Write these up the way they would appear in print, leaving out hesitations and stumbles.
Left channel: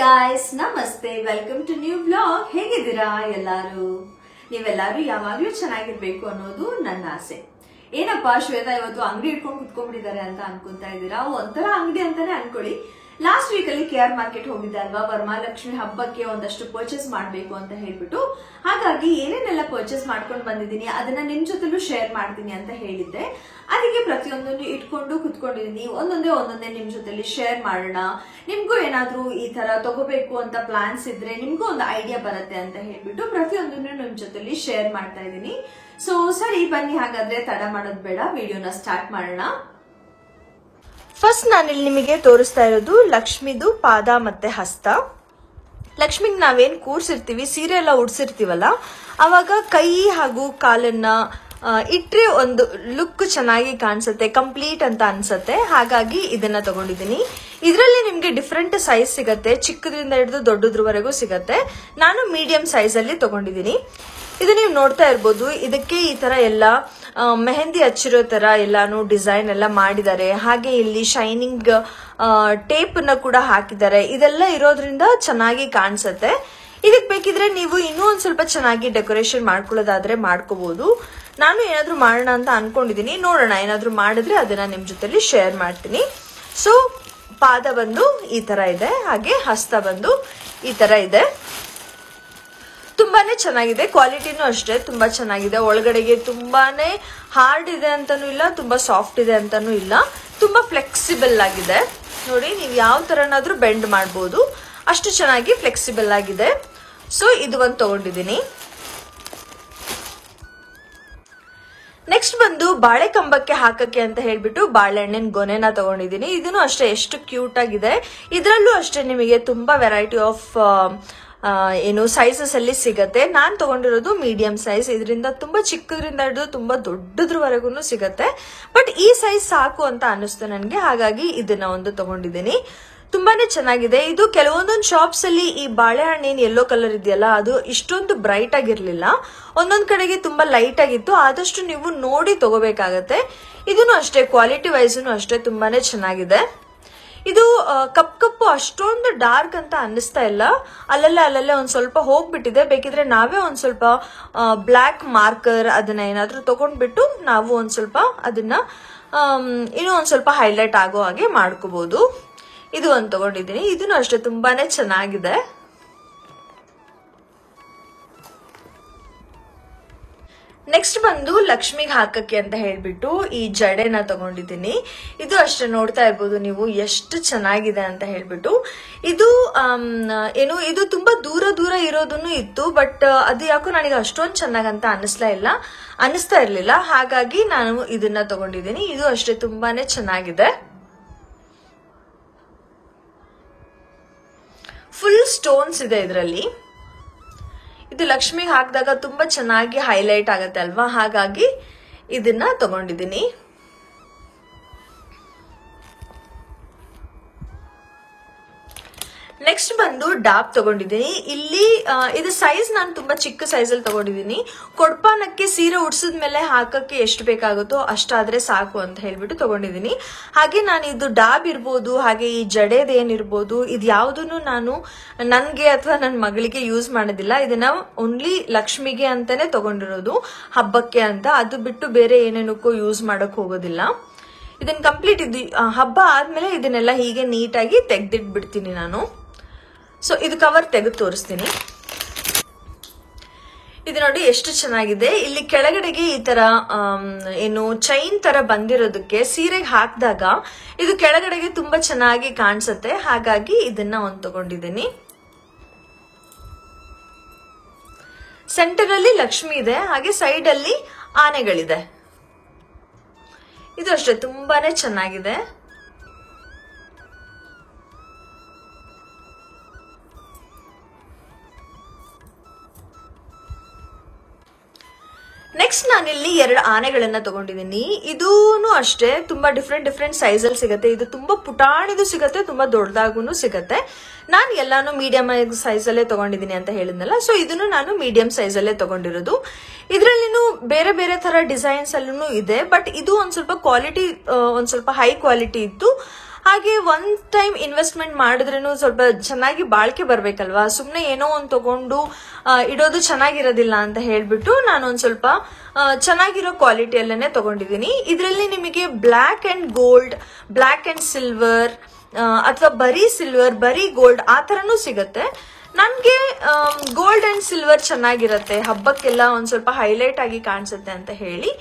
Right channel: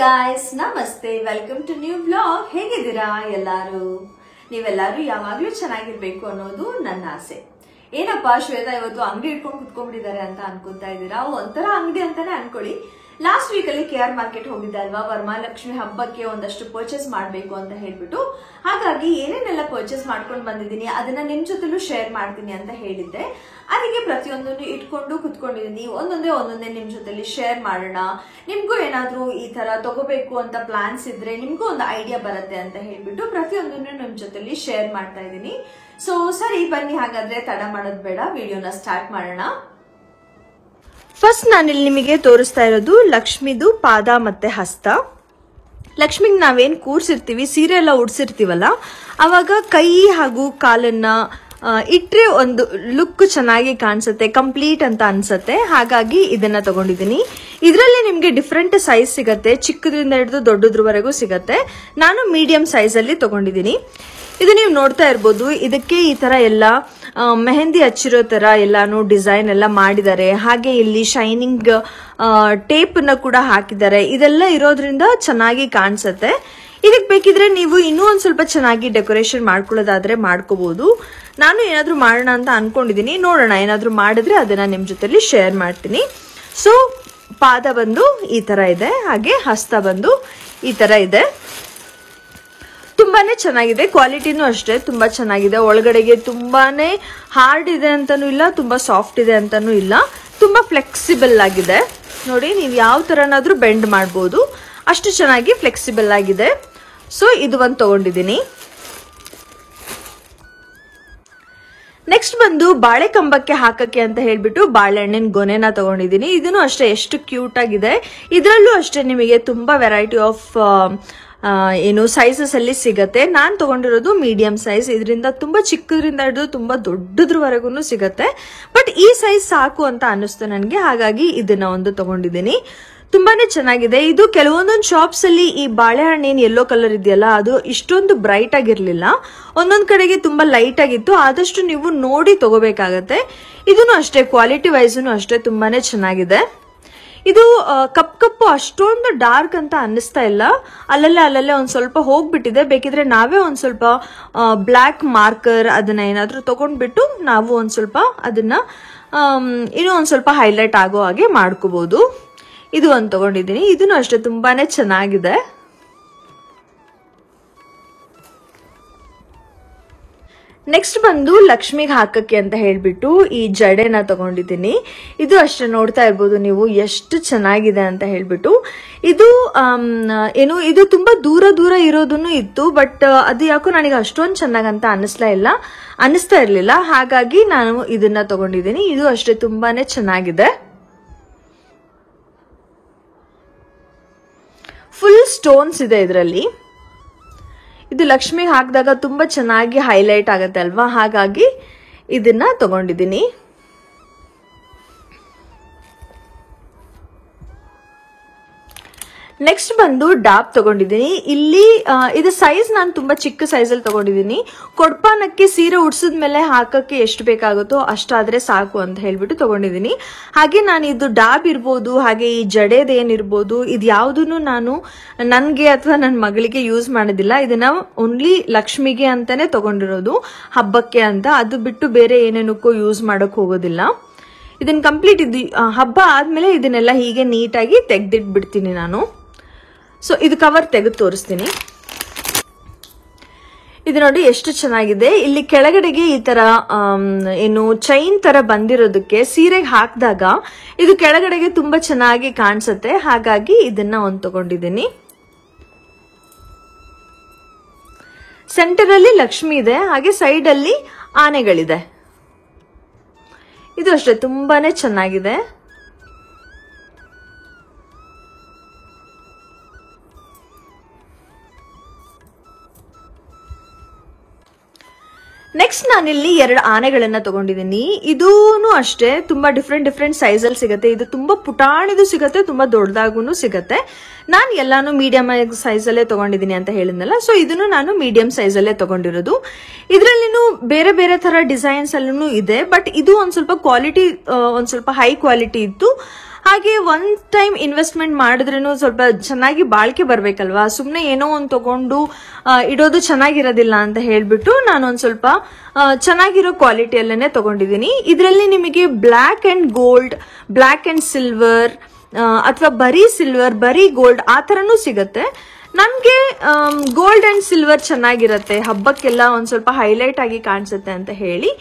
guys, ನಮಸ್ತೆ. Welcome to new vlog. ಹೇಗಿದ್ದೀರಾ ಎಲ್ಲಾರು? ನೀವೆಲ್ಲರೂ ಯಾವಾಗ್ಲೂ ಚೆನ್ನಾಗಿರ್ಬೇಕು ಅನ್ನೋದು ನನ್ನ ಆಸೆ. ಏನಪ್ಪಾ ಶ್ವೇತಾ ಇವತ್ತು ಅಂಗಡಿ ಇಟ್ಕೊಂಡು ಕುತ್ಕೊಂಡ್ಬಿಟ್ಟಿದ್ದಾರೆ ಅಂತ ಅನ್ಕೊಂತಾ ಇದ್ದೀರಾ? ಒಂಥರ ಅಂಗಡಿ ಅಂತಾನೆ ಅನ್ಕೊಳ್ಳಿ. ಲಾಸ್ಟ್ ವೀಕ್ ಅಲ್ಲಿ KR ಮಾರ್ಕೆಟ್ ಹೋಗಿದ್ದೆ ಅಲ್ವಾ, ವರಮಹಾಲಕ್ಷ್ಮಿ ಹಬ್ಬಕ್ಕೆ ಒಂದಷ್ಟು ಪರ್ಚೇಸ್ ಮಾಡ್ಬೇಕು ಅಂತ ಹೇಳ್ಬಿಟ್ಟು. ಹಾಗಾಗಿ ಏನೇನೆಲ್ಲ ಪರ್ಚೇಸ್ ಮಾಡ್ಕೊಂಡು ಬಂದಿದ್ದೀನಿ ಅದನ್ನ ನಿಮ್ ಜೊತೆಲೂ ಶೇರ್ ಮಾಡ್ತೀನಿ ಅಂತ ಹೇಳಿದ್ದೆ. ಅದಕ್ಕೆ ಪ್ರತಿಯೊಂದನ್ನು ಇಟ್ಕೊಂಡು ಕುತ್ಕೊಂಡಿದ್ದೀನಿ. ಒಂದೊಂದೇ ನಿಮ್ ಜೊತೆಲಿ ಶೇರ್ ಮಾಡೋಣ. ನಿಮ್ಗೂ ಏನಾದ್ರೂ ಈ ತರ ತಗೋಬೇಕು ಅಂತ ಪ್ಲಾನ್ಸ್ ಇದ್ರೆ ನಿಮ್ಗೂ ಒಂದು ಐಡಿಯಾ ಬರುತ್ತೆ ಅಂತ ಹೇಳ್ಬಿಟ್ಟು ಪ್ರತಿಯೊಂದನ್ನು ನಿಮ್ ಜೊತೆಲಿ ಶೇರ್ ಮಾಡ್ತಾ ಇದ್ದೀನಿ. ಸೊ ಸರಿ ಬನ್ನಿ, ಹಾಗಾದ್ರೆ ತಡ ಮಾಡೋದ್ ಬೇಡ, ವಿಡಿಯೋನ ಸ್ಟಾರ್ಟ್ ಮಾಡೋಣ. ಫಸ್ಟ್ ನಾನಿಲ್ಲಿ ನಿಮಗೆ ತೋರಿಸ್ತಾ ಇರೋದು ಲಕ್ಷ್ಮಿದು ಪಾದ ಮತ್ತೆ ಹಸ್ತ. ಲಕ್ಷ್ಮಿಗ್ ನಾವೇನ್ ಕೂರ್ಸಿರ್ತೀವಿ, ಸೀರೆ ಎಲ್ಲ ಉಡ್ಸಿರ್ತೀವಲ್ಲ, ಅವಾಗ ಕೈ ಹಾಗೂ ಕಾಲನ್ನ ಇಟ್ರೆ ಒಂದು ಲುಕ್ ಚೆನ್ನಾಗಿ ಕಾಣಿಸುತ್ತೆ, ಕಂಪ್ಲೀಟ್ ಅಂತ ಅನ್ಸುತ್ತೆ. ಹಾಗಾಗಿ ಇದನ್ನ ತಗೊಂಡಿದ್ದೀನಿ. ಇದರಲ್ಲಿ ನಿಮ್ಗೆ ಡಿಫ್ರೆಂಟ್ ಸೈಜ್ ಸಿಗತ್ತೆ, ಚಿಕ್ಕದ್ರಿಂದ ಹಿಡಿದು ದೊಡ್ಡದ್ರವರೆಗೂ ಸಿಗತ್ತೆ. ನಾನು ಮೀಡಿಯಂ ಸೈಜ್ ಅಲ್ಲಿ ತಗೊಂಡಿದ್ದೀನಿ. ಇದು ನೀವು ನೋಡ್ತಾ ಇರ್ಬೋದು. ಇದಕ್ಕೆ ಈ ತರ ಎಲ್ಲ ಮೆಹಂದಿ ಹಚ್ಚಿರೋ ತರ ಎಲ್ಲಾನು ಡಿಸೈನ್ ಎಲ್ಲ ಮಾಡಿದ್ದಾರೆ. ಹಾಗೆ ಇಲ್ಲಿ ಶೈನಿಂಗ್ ಟೇಪ್ ನ ಕೂಡ ಹಾಕಿದ್ದಾರೆ. ಇದೆಲ್ಲ ಇರೋದ್ರಿಂದ ಚೆನ್ನಾಗಿ ಕಾಣಿಸುತ್ತೆ. ಇದಕ್ ಬೇಕಿದ್ರೆ ನೀವು ಇನ್ನೂ ಒಂದ್ ಸ್ವಲ್ಪ ಚೆನ್ನಾಗಿ ಡೆಕೋರೇಷನ್ ಮಾಡ್ಕೊಳ್ಳೋದಾದ್ರೆ ಮಾಡ್ಕೋಬಹುದು. ನಾನು ಏನಾದ್ರೂ ಮಾಡೋಣ ಅಂತ ಅನ್ಕೊಂಡಿದೀನಿ, ನೋಡೋಣ. ಏನಾದ್ರೂ ಮಾಡಿದ್ರೆ ಅದನ್ನ ನಿಮ್ ಜೊತೆಲಿ ಶೇರ್ ಮಾಡ್ತೀನಿ. ಸೊ ಪಾದ ಬಂದು ಈ ತರ ಇದೆ, ಹಾಗೆ ಹಸ್ತ ಬಂದು ಈ ತರ ಇದೆ. ತುಂಬಾನೇ ಚೆನ್ನಾಗಿದೆ. ಕ್ವಾಲಿಟಿನೂ ಅಷ್ಟೇ ತುಂಬಾ ಚೆನ್ನಾಗಿದೆ. ಒಳಗಡೆಗೆ ತುಂಬಾನೇ ಹಾರ್ಡ್ ಇದೆ ಅಂತಾನು ಇಲ್ಲ, ತುಂಬಾ ಸಾಫ್ಟ್ ಇದೆ ಅಂತಾನು ಇಲ್ಲ. ತುಂಬಾ ಫ್ಲೆಕ್ಸಿಬಲ್ ಆಗಿದೆ. ನೋಡಿ, ನೀವು ಯಾವ ತರನಾದ್ರೂ ಬೆಂಡ್ ಮಾಡಬಹುದು, ಅಷ್ಟು ಚೆನ್ನಾಗಿ ಫ್ಲೆಕ್ಸಿಬಲ್ ಆಗಿದೆ. ಸೊ ಇದು ಒಂದು ತಗೊಂಡಿದ್ದೀನಿ. ನೆಕ್ಸ್ಟ್ ಬಂದು ಬಾಳೆ ಕಂಬಕ್ಕೆ ಹಾಕಕ್ಕೆ ಅಂತ ಹೇಳ್ಬಿಟ್ಟು ಬಾಳೆಹಣ್ಣಿನ ಗೊನೆನ ತಗೊಂಡಿದ್ದೀನಿ. ಇದನ್ನು ಅಷ್ಟೇ ಎಷ್ಟು ಕ್ಯೂಟ್ ಆಗಿದೆ. ಇದರಲ್ಲೂ ಅಷ್ಟೇ ನಿಮಗೆ ತುಂಬಾ ವೆರೈಟಿ ಆಫ್ ಸೈಜಸ್ ಅಲ್ಲಿ ಸಿಗತ್ತೆ. ನಾನ್ ತಗೊಂಡಿರೋದು ಮೀಡಿಯಂ ಸೈಜ್. ಇದರಿಂದ ತುಂಬಾ ಚಿಕ್ಕದ್ರಿಂದ ಹಿಡಿದು ತುಂಬಾ ದೊಡ್ಡದ್ರವರೆಗೂ ಸಿಗತ್ತೆ. ಬಟ್ ಈ ಸೈಜ್ ಸಾಕು ಅಂತ ಅನ್ನಿಸ್ತು ನನಗೆ, ಹಾಗಾಗಿ ಇದನ್ನ ಒಂದು ತಗೊಂಡಿದ್ದೀನಿ. ತುಂಬಾನೇ ಚೆನ್ನಾಗಿದೆ. ಇದು ಕೆಲವೊಂದೊಂದು ಶಾಪ್ಸ್ ಅಲ್ಲಿ ಈ ಬಾಳೆಹಣ್ಣಿನ ಯೆಲ್ಲೋ ಕಲರ್ ಇದೆಯಲ್ಲ, ಅದು ಇಷ್ಟೊಂದು ಬ್ರೈಟ್ ಆಗಿರ್ಲಿಲ್ಲ. ಒಂದೊಂದ್ ಕಡೆಗೆ ತುಂಬಾ ಲೈಟ್ ಆಗಿತ್ತು. ಆದಷ್ಟು ನೀವು ನೋಡಿ ತಗೋಬೇಕಾಗತ್ತೆ. ಇದನ್ನು ಅಷ್ಟೇ ಕ್ವಾಲಿಟಿ ವೈಸ್ನು ಅಷ್ಟೇ ತುಂಬಾನೇ ಚೆನ್ನಾಗಿದೆ. ಇದು ಕಪ್ಪು ಅಷ್ಟೊಂದು ಡಾರ್ಕ್ ಅಂತ ಅನ್ನಿಸ್ತಾ ಇಲ್ಲ. ಅಲ್ಲಲ್ಲೇ ಒಂದ್ ಸ್ವಲ್ಪ ಹೋಗ್ಬಿಟ್ಟಿದೆ. ಬೇಕಿದ್ರೆ ನಾವೇ ಒಂದ್ ಸ್ವಲ್ಪ ಬ್ಲಾಕ್ ಮಾರ್ಕರ್ ಅದನ್ನ ಏನಾದ್ರೂ ತಗೊಂಡ್ಬಿಟ್ಟು ನಾವು ಒಂದ್ ಸ್ವಲ್ಪ ಅದನ್ನ ಇನ್ನೂ ಒಂದ್ ಸ್ವಲ್ಪ ಹೈಲೈಟ್ ಆಗೋ ಹಾಗೆ ಮಾಡ್ಕೋಬಹುದು. ಇದು ಒಂದು ತಗೊಂಡಿದ್ದೀನಿ. ಇದನ್ನು ಅಷ್ಟೇ ತುಂಬಾನೇ ಚೆನ್ನಾಗಿದೆ. ನೆಕ್ಸ್ಟ್ ಬಂದು ಲಕ್ಷ್ಮಿಗೆ ಹಾಕಕ್ಕೆ ಅಂತ ಹೇಳ್ಬಿಟ್ಟು ಈ ಜಡೆನ ತಗೊಂಡಿದ್ದೀನಿ. ಇದು ಅಷ್ಟೇ ನೋಡ್ತಾ ಇರ್ಬೋದು ನೀವು ಎಷ್ಟು ಚೆನ್ನಾಗಿದೆ ಅಂತ ಹೇಳ್ಬಿಟ್ಟು. ಇದು ಇದು ತುಂಬಾ ದೂರ ಇರೋದನ್ನು ಇತ್ತು. ಬಟ್ ಅದು ಯಾಕೋ ನನಗೆ ಅಷ್ಟೊಂದು ಚೆನ್ನಾಗಂತ ಅನ್ನಿಸ್ತಾ ಇರ್ಲಿಲ್ಲ. ಹಾಗಾಗಿ ನಾನು ಇದನ್ನ ತಗೊಂಡಿದ್ದೀನಿ. ಇದು ಅಷ್ಟೇ ತುಂಬಾನೇ ಚೆನ್ನಾಗಿದೆ. ಫುಲ್ ಸ್ಟೋನ್ಸ್ ಇದೆ ಇದರಲ್ಲಿ. ಇದು ಲಕ್ಷ್ಮಿ ಹಾಕಿದಾಗ ತುಂಬಾ ಚೆನ್ನಾಗಿ ಹೈಲೈಟ್ ಆಗುತ್ತೆ ಅಲ್ವಾ, ಹಾಗಾಗಿ ಇದನ್ನ ತಗೊಂಡಿದ್ದೀನಿ. ನೆಕ್ಸ್ಟ್ ಬಂದು ಡಾಪ್ ತಗೊಂಡಿದ್ದೀನಿ. ಇಲ್ಲಿ ಇದು ಸೈಜ್ ನಾನು ತುಂಬಾ ಚಿಕ್ಕ ಸೈಜ್ ಅಲ್ಲಿ ತಗೊಂಡಿದ್ದೀನಿ. ಕೊಡ್ಪಾನಕ್ಕೆ ಸೀರೆ ಉಡ್ಸಿದ್ಮೇಲೆ ಹಾಕಕ್ಕೆ ಎಷ್ಟು ಬೇಕಾಗುತ್ತೋ ಅಷ್ಟಾದ್ರೆ ಸಾಕು ಅಂತ ಹೇಳ್ಬಿಟ್ಟು ತಗೊಂಡಿದ್ದೀನಿ. ಹಾಗೆ ನಾನು ಇದು ಡಾಬ್ ಇರ್ಬೋದು, ಹಾಗೆ ಈ ಜಡೆದೇನಿರ್ಬೋದು, ಇದು ಯಾವ್ದನ್ನು ನಾನು ನನ್ಗೆ ಅಥವಾ ನನ್ನ ಮಗಳಿಗೆ ಯೂಸ್ ಮಾಡೋದಿಲ್ಲ. ಇದನ್ನ ಓನ್ಲಿ ಲಕ್ಷ್ಮಿಗೆ ಅಂತಾನೆ ತಗೊಂಡಿರೋದು, ಹಬ್ಬಕ್ಕೆ ಅಂತ. ಅದು ಬಿಟ್ಟು ಬೇರೆ ಏನೇನಕ್ಕೂ ಯೂಸ್ ಮಾಡಕ್ ಹೋಗೋದಿಲ್ಲ. ಇದನ್ನ ಕಂಪ್ಲೀಟ್ ಹಬ್ಬ ಆದ್ಮೇಲೆ ಇದನ್ನೆಲ್ಲ ಹೀಗೆ ನೀಟಾಗಿ ತೆಗ್ದಿಟ್ಬಿಡ್ತೀನಿ ನಾನು. ಸೊ ಇದು ಕವರ್ ತೆಗೆದು ತೋರಿಸ್ತೀನಿ. ಇದು ನೋಡಿ ಎಷ್ಟು ಚೆನ್ನಾಗಿದೆ. ಇಲ್ಲಿ ಕೆಳಗಡೆಗೆ ಈ ತರ ಚೈನ್ ತರ ಬಂದಿರೋದಕ್ಕೆ ಸೀರೆಗೆ ಹಾಕಿದಾಗ ಇದು ಕೆಳಗಡೆಗೆ ತುಂಬಾ ಚೆನ್ನಾಗಿ ಕಾಣಿಸುತ್ತೆ. ಹಾಗಾಗಿ ಇದನ್ನ ಒಂದು ತಗೊಂಡಿದ್ದೀನಿ. ಸೆಂಟರ್ ಅಲ್ಲಿ ಲಕ್ಷ್ಮಿ ಇದೆ, ಹಾಗೆ ಸೈಡ್ ಅಲ್ಲಿ ಆನೆಗಳಿದೆ. ಇದು ಅಷ್ಟೇ ತುಂಬಾನೇ ಚೆನ್ನಾಗಿದೆ. ನೆಕ್ಸ್ಟ್ ನಾನಿಲ್ಲಿ 2 ಆನೆಗಳನ್ನ ತಗೊಂಡಿದ್ದೀನಿ. ಇದೂನು ಅಷ್ಟೇ ತುಂಬಾ ಡಿಫ್ರೆಂಟ್ ಸೈಜ್ ಅಲ್ಲಿ ಸಿಗುತ್ತೆ. ಇದು ತುಂಬಾ ಪುಟಾಣಿದು ಸಿಗುತ್ತೆ, ತುಂಬಾ ದೊಡ್ಡದಾಗೂ ಸಿಗುತ್ತೆ. ನಾನು ಎಲ್ಲಾನು ಮೀಡಿಯಂ ಸೈಜ್ ಅಲ್ಲೇ ತಗೊಂಡಿದ್ದೀನಿ ಅಂತ ಹೇಳಿದ್ನಲ್ಲ, ಸೊ ಇದನ್ನು ನಾನು ಮೀಡಿಯಂ ಸೈಜ್ ಅಲ್ಲೇ ತಗೊಂಡಿರೋದು. ಇದರಲ್ಲಿನೂ ಬೇರೆ ಬೇರೆ ತರ ಡಿಸೈನ್ಸ್ ಅಲ್ಲೂ ಇದೆ. ಬಟ್ ಇದು ಒಂದ್ ಸ್ವಲ್ಪ ಕ್ವಾಲಿಟಿ ಒಂದ್ ಸ್ವಲ್ಪ ಹೈ ಕ್ವಾಲಿಟಿ ಇತ್ತು. ಹಾಗೆ ಒನ್ ಟೈಮ್ ಇನ್ವೆಸ್ಟ್ಮೆಂಟ್ ಮಾಡಿದ್ರೂ ಸ್ವಲ್ಪ ಚೆನ್ನಾಗಿ ಬಾಳಿಕೆ ಬರ್ಬೇಕಲ್ವಾ, ಸುಮ್ನೆ ಏನೋ ಒಂದು ತಗೊಂಡು ಇಡೋದು ಚೆನ್ನಾಗಿರೋದಿಲ್ಲ ಅಂತ ಹೇಳ್ಬಿಟ್ಟು ನಾನು ಒಂದ್ ಸ್ವಲ್ಪ ಚೆನ್ನಾಗಿರೋ ಕ್ವಾಲಿಟಿಯಲ್ಲೇನೆ ತಗೊಂಡಿದ್ದೀನಿ. ಇದರಲ್ಲಿ ನಿಮಗೆ black and gold, black and silver ಅಥವಾ ಬರೀ ಸಿಲ್ವರ್ ಬರೀ ಗೋಲ್ಡ್ ಆ ತರನೂ ಸಿಗುತ್ತೆ. ನನ್ಗೆ ಗೋಲ್ಡ್ ಅಂಡ್ ಸಿಲ್ವರ್ ಚೆನ್ನಾಗಿರತ್ತೆ, ಹಬ್ಬಕ್ಕೆಲ್ಲ ಒಂದ್ ಸ್ವಲ್ಪ ಹೈಲೈಟ್ ಆಗಿ ಕಾಣಿಸುತ್ತೆ ಅಂತ ಹೇಳಿ